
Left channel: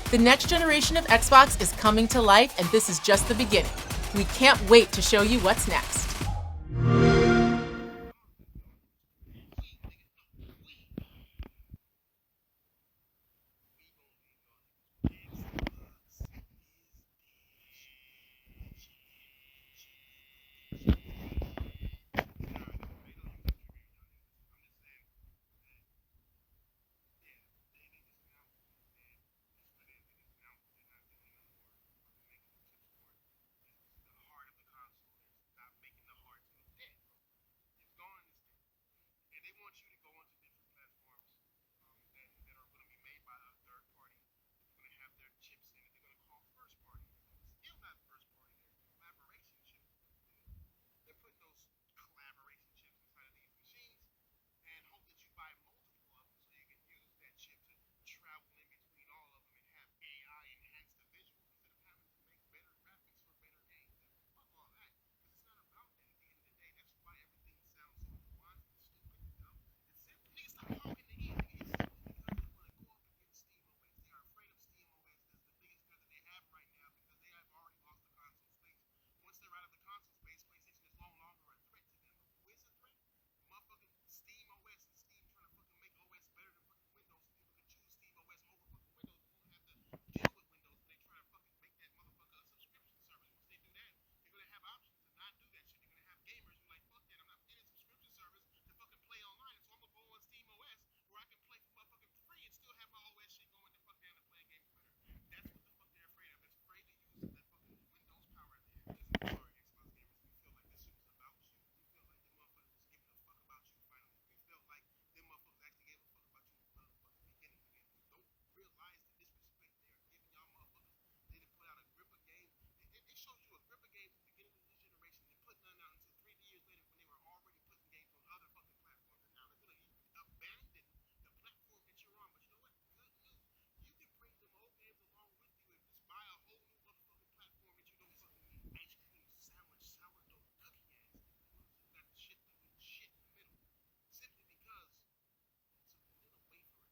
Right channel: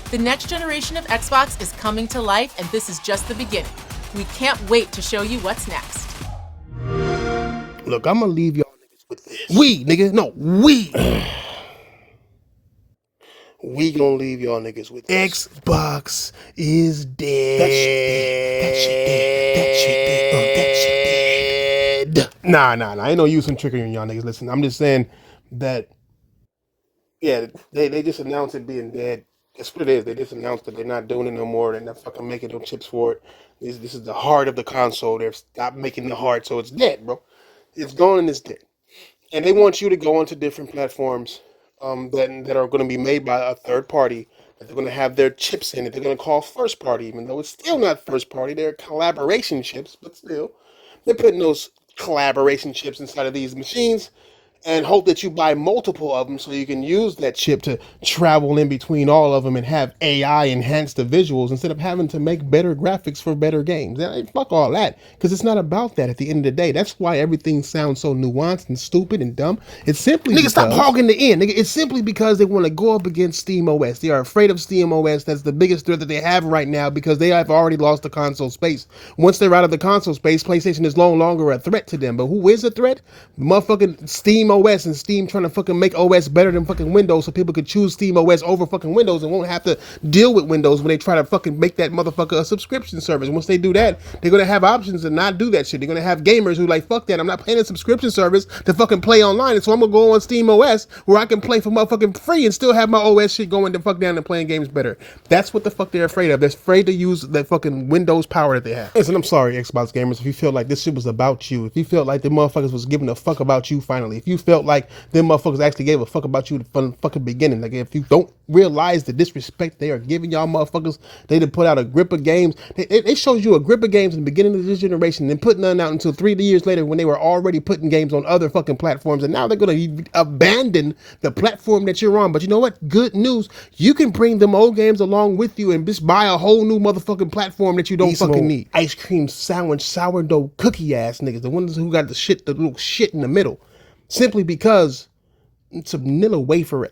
The next generation of Xbox is coming to life, and this is just the beginning. We can't wait to show you what's next. Look, I'm gonna leave y'all niggas with this. We, nigga. No, we. We gonna leave y'all niggas with this. Xbox is dead. That shit dead. That shit dead. That shit dead. That shit dead. Nah. Ain't no use in tricking y'all niggas. Listen, I'm just saying that, yeah, they just announced it being dead. That's what it is. They just announced that they're not doing it no more. They're not fucking making no chips for it. This is the heart of the console. They've stopped making the heart, so it's dead, bro. It's gone and it's dead. And they want you to go onto different platforms that are going to be made by a third party, that they're going to have their chips in it. They're going to call first party, even though it's still not first party. They're collaboration chips, but still, they're putting those collaboration chips inside of these machines and hope that you buy multiple of them so you can use that chip to travel in between all of them and have AI enhance the visuals instead of having to make better graphics for better games. Fuck all that, because it's not about that at the end of the day. That's why everything sounds so nuanced and stupid and dumb. It's simply nigga, stop hogging the end. Nigga, it's simply because they want to go up against Steam OS. They are afraid of Steam OS. That's the biggest threat that they have right now because they have already lost the console space. Once they're out of the console space, PlayStation is no longer a threat to them. But who is a threat? Motherfucking Steam OS, and Steam trying to fucking make OS better than fucking Windows so people could choose Steam OS over fucking Windows and won't have to deal with Windows when they try to fucking make that motherfucker a subscription service. Once they do that, they're gonna have options to not do that shit. They're gonna have gamers who like, fuck that, I'm not paying a subscription service to fucking play online, and so I'm gonna go on Steam OS where I can play for motherfucking free and still have my OS shit going to fuck down and playing games better. That's what the fuck they're afraid of. They're afraid to use that fucking Windows power that they have. Listen, I'm sorry, Xbox gamers, if you feel like this shit was about you, if you felt like the motherfuckers was giving a fuck about you finally, if you felt like them motherfuckers actually gave a fuck about you from the fucking beginning, like if you don't realize the disrespect they are giving y'all motherfuckers, they done put out a grip of games. They showed you a grip of games in the beginning of this generation and then put none out until 3 years later when they were already putting games on other fucking platforms, and now they're gonna abandon the platform that you're on. But you know what? Good news. You can bring them old games along with you and just buy a whole new motherfucking platform that you don't fucking need. Ice cream sandwich sourdough cookie ass niggas, the ones who got the little shit in the middle, simply because it's a vanilla wafer.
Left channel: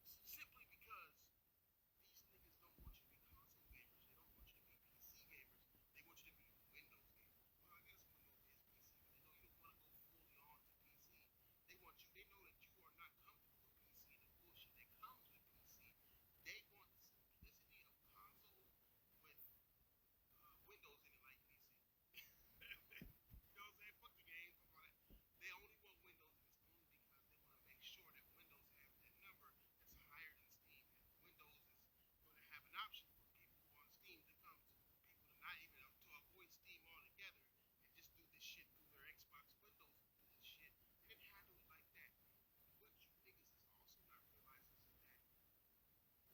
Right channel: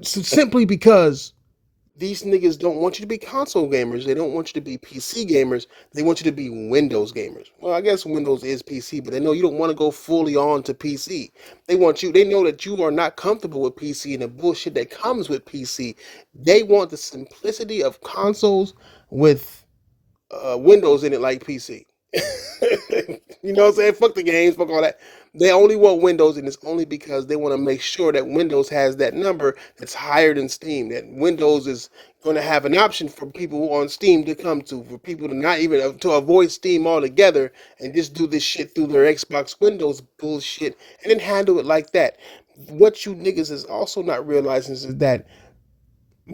Simply because these niggas don't want you to be console gamers. They don't want you to be PC gamers. They want you to be Windows gamers. Well, I guess Windows is PC, but they know you don't want to go fully on to PC. They know that you are not comfortable with PC and the bullshit that comes with PC. They want the simplicity of consoles with Windows in it like PC. You know what I'm saying? Fuck the games, fuck all that. They only want Windows, and it's only because they want to make sure that Windows has that number that's higher than Steam. That Windows is going to have an option for people on Steam to come to, for people to not even to avoid Steam altogether and just do this shit through their Xbox Windows bullshit and then handle it like that. What you niggas is also not realizing is that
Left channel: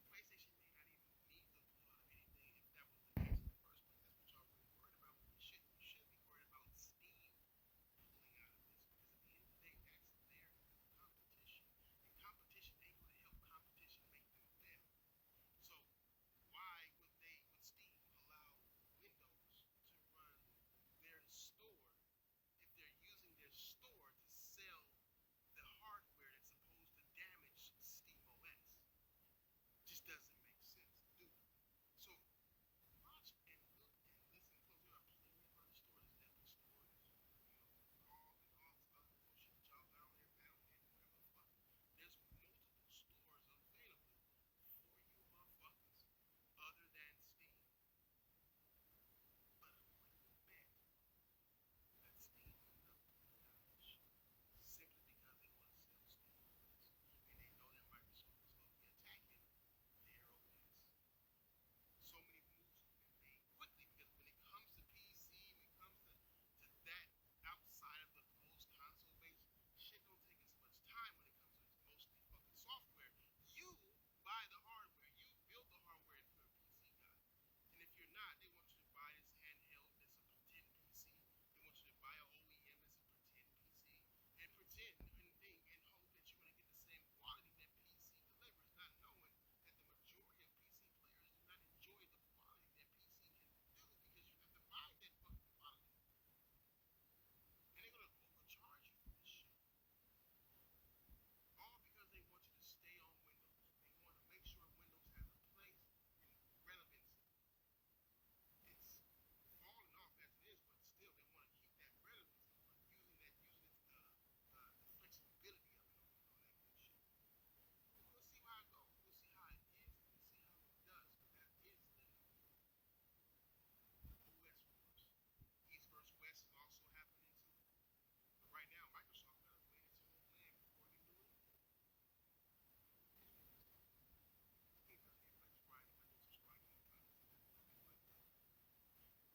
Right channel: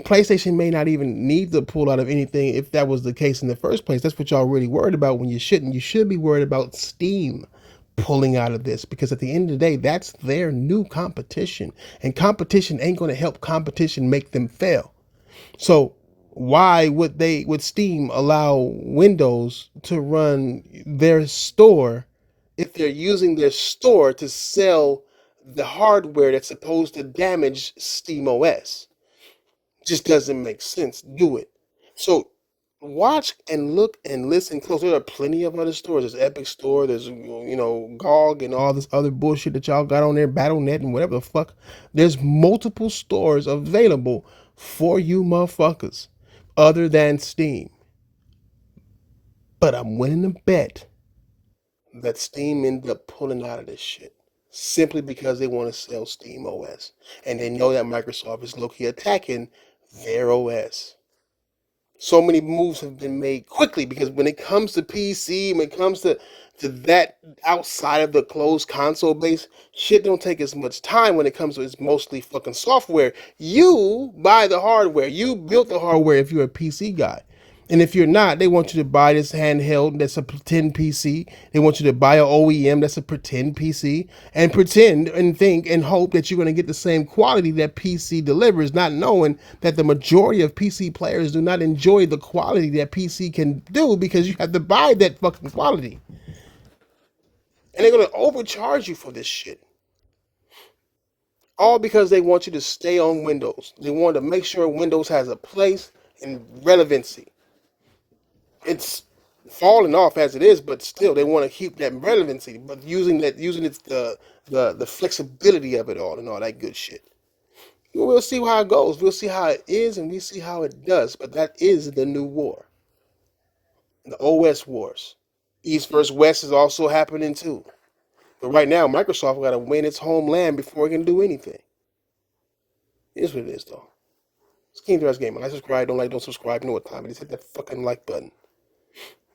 PlayStation may not even need to pull out of anything if that was the case in the first place. That's what y'all really worried about when you shouldn't. You should be worried about Steam pulling out of this, because at the end of the day, that's their new competition. And competition ain't going to help competition make them fail. So why would Steam allow Windows to run their store if they're using their store to sell the hardware that's supposed to damage Steam OS? Just doesn't make sense. Do it. So watch and look and listen close. There are plenty of other stores. There's Epic Store. There's GOG and all this other bullshit that y'all got on there, BattleNet and whatever the fuck. There's multiple stores available for you motherfuckers other than Steam. But I'm willing to bet that Steam ended up pulling out of this shit simply because they want to sell Steam OS. And they know that Microsoft is low-key attacking their OS. So many moves have been made quickly because when it comes to PC, when it comes to that outside of the closed console base, shit don't take as much time when it comes to it's mostly fucking software. You buy the hardware. You built the hardware if you're a PC guy. And if you're not, they want you to buy this handheld that's a pretend PC. They want you to buy an OEM that's a pretend PC and pretend and think and hope that you're going to get the same quality that PC delivers, not knowing that the majority of PC players do not enjoy the quality that PC can do because you have to buy that fucking quality. And they're going to overcharge you for this shit. All because they want you to stay on Windows. They want to make sure Windows has a place and relevancy. It's falling off as it is, but still they want to keep that relevancy, but using its the flexibility of it all and all that good shit. We'll see how it goes. We'll see how it is, and we see how it does. But that is the new war, the OS wars. East versus West is also happening too. But right now, Microsoft got to win its homeland before it can do anything. It is what it is, though. It's King Dress Gamer. Like, subscribe, don't subscribe. You know what time it is. Hit that fucking like button.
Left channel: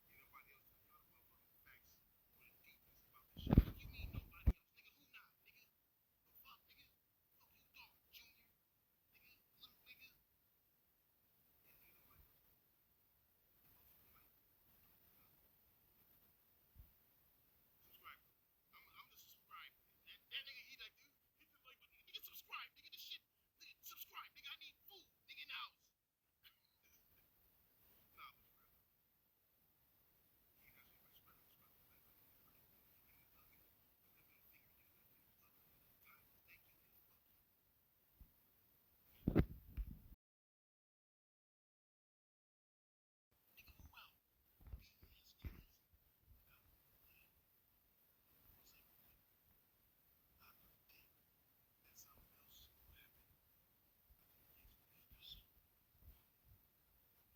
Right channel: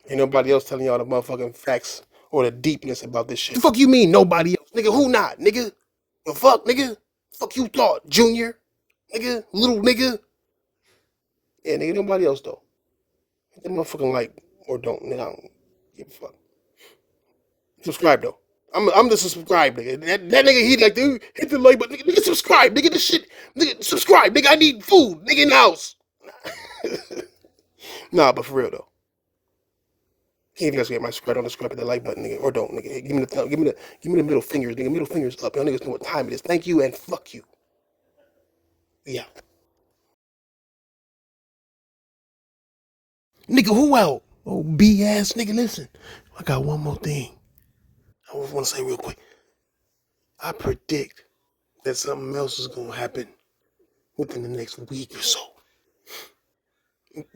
Ain't nobody else telling y'all the motherfucking facts or the deepness about this shit. The fuck you mean nobody else? Nigga, who not, nigga? The fuck, nigga? Fuck you thought, Junior? Nigga? Little nigga? Yeah, nigga, nobody else, though. Hit that motherfucking like or don't. Nigga, I don't give a fuck. Subscribe, though. I'm the subscribe, nigga. That nigga, he like, dude, hit the like button. Nigga, subscribe. Nigga, this shit. Nigga, subscribe. Nigga, I need food. Nigga, in the house. Nah, but for real, though. Can't even get my subscribe, don't subscribe, hit the like button, nigga, or don't, nigga. Give me the thumb, give me the middle fingers, nigga. Middle fingers up. Y'all niggas know what time it is. Thank you and fuck you. Yeah. Nigga, who out? Oh, B-ass nigga, listen. I got one more thing. I want to say real quick. I predict that something else is going to happen within the next week or so.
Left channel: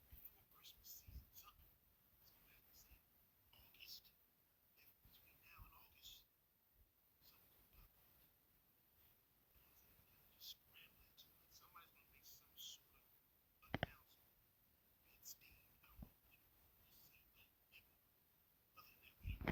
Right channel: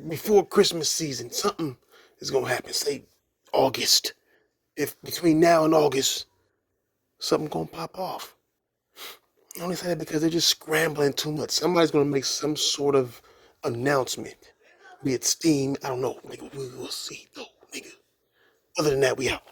Before Christmas season, something is going to happen. Say August. If between now and August, something going to pop off. I only say that because they're just scrambling too much. Somebody's going to make some sort of announcement. Be it Steam, I don't know. Nigga, we will see, though, nigga. Other than that, we out.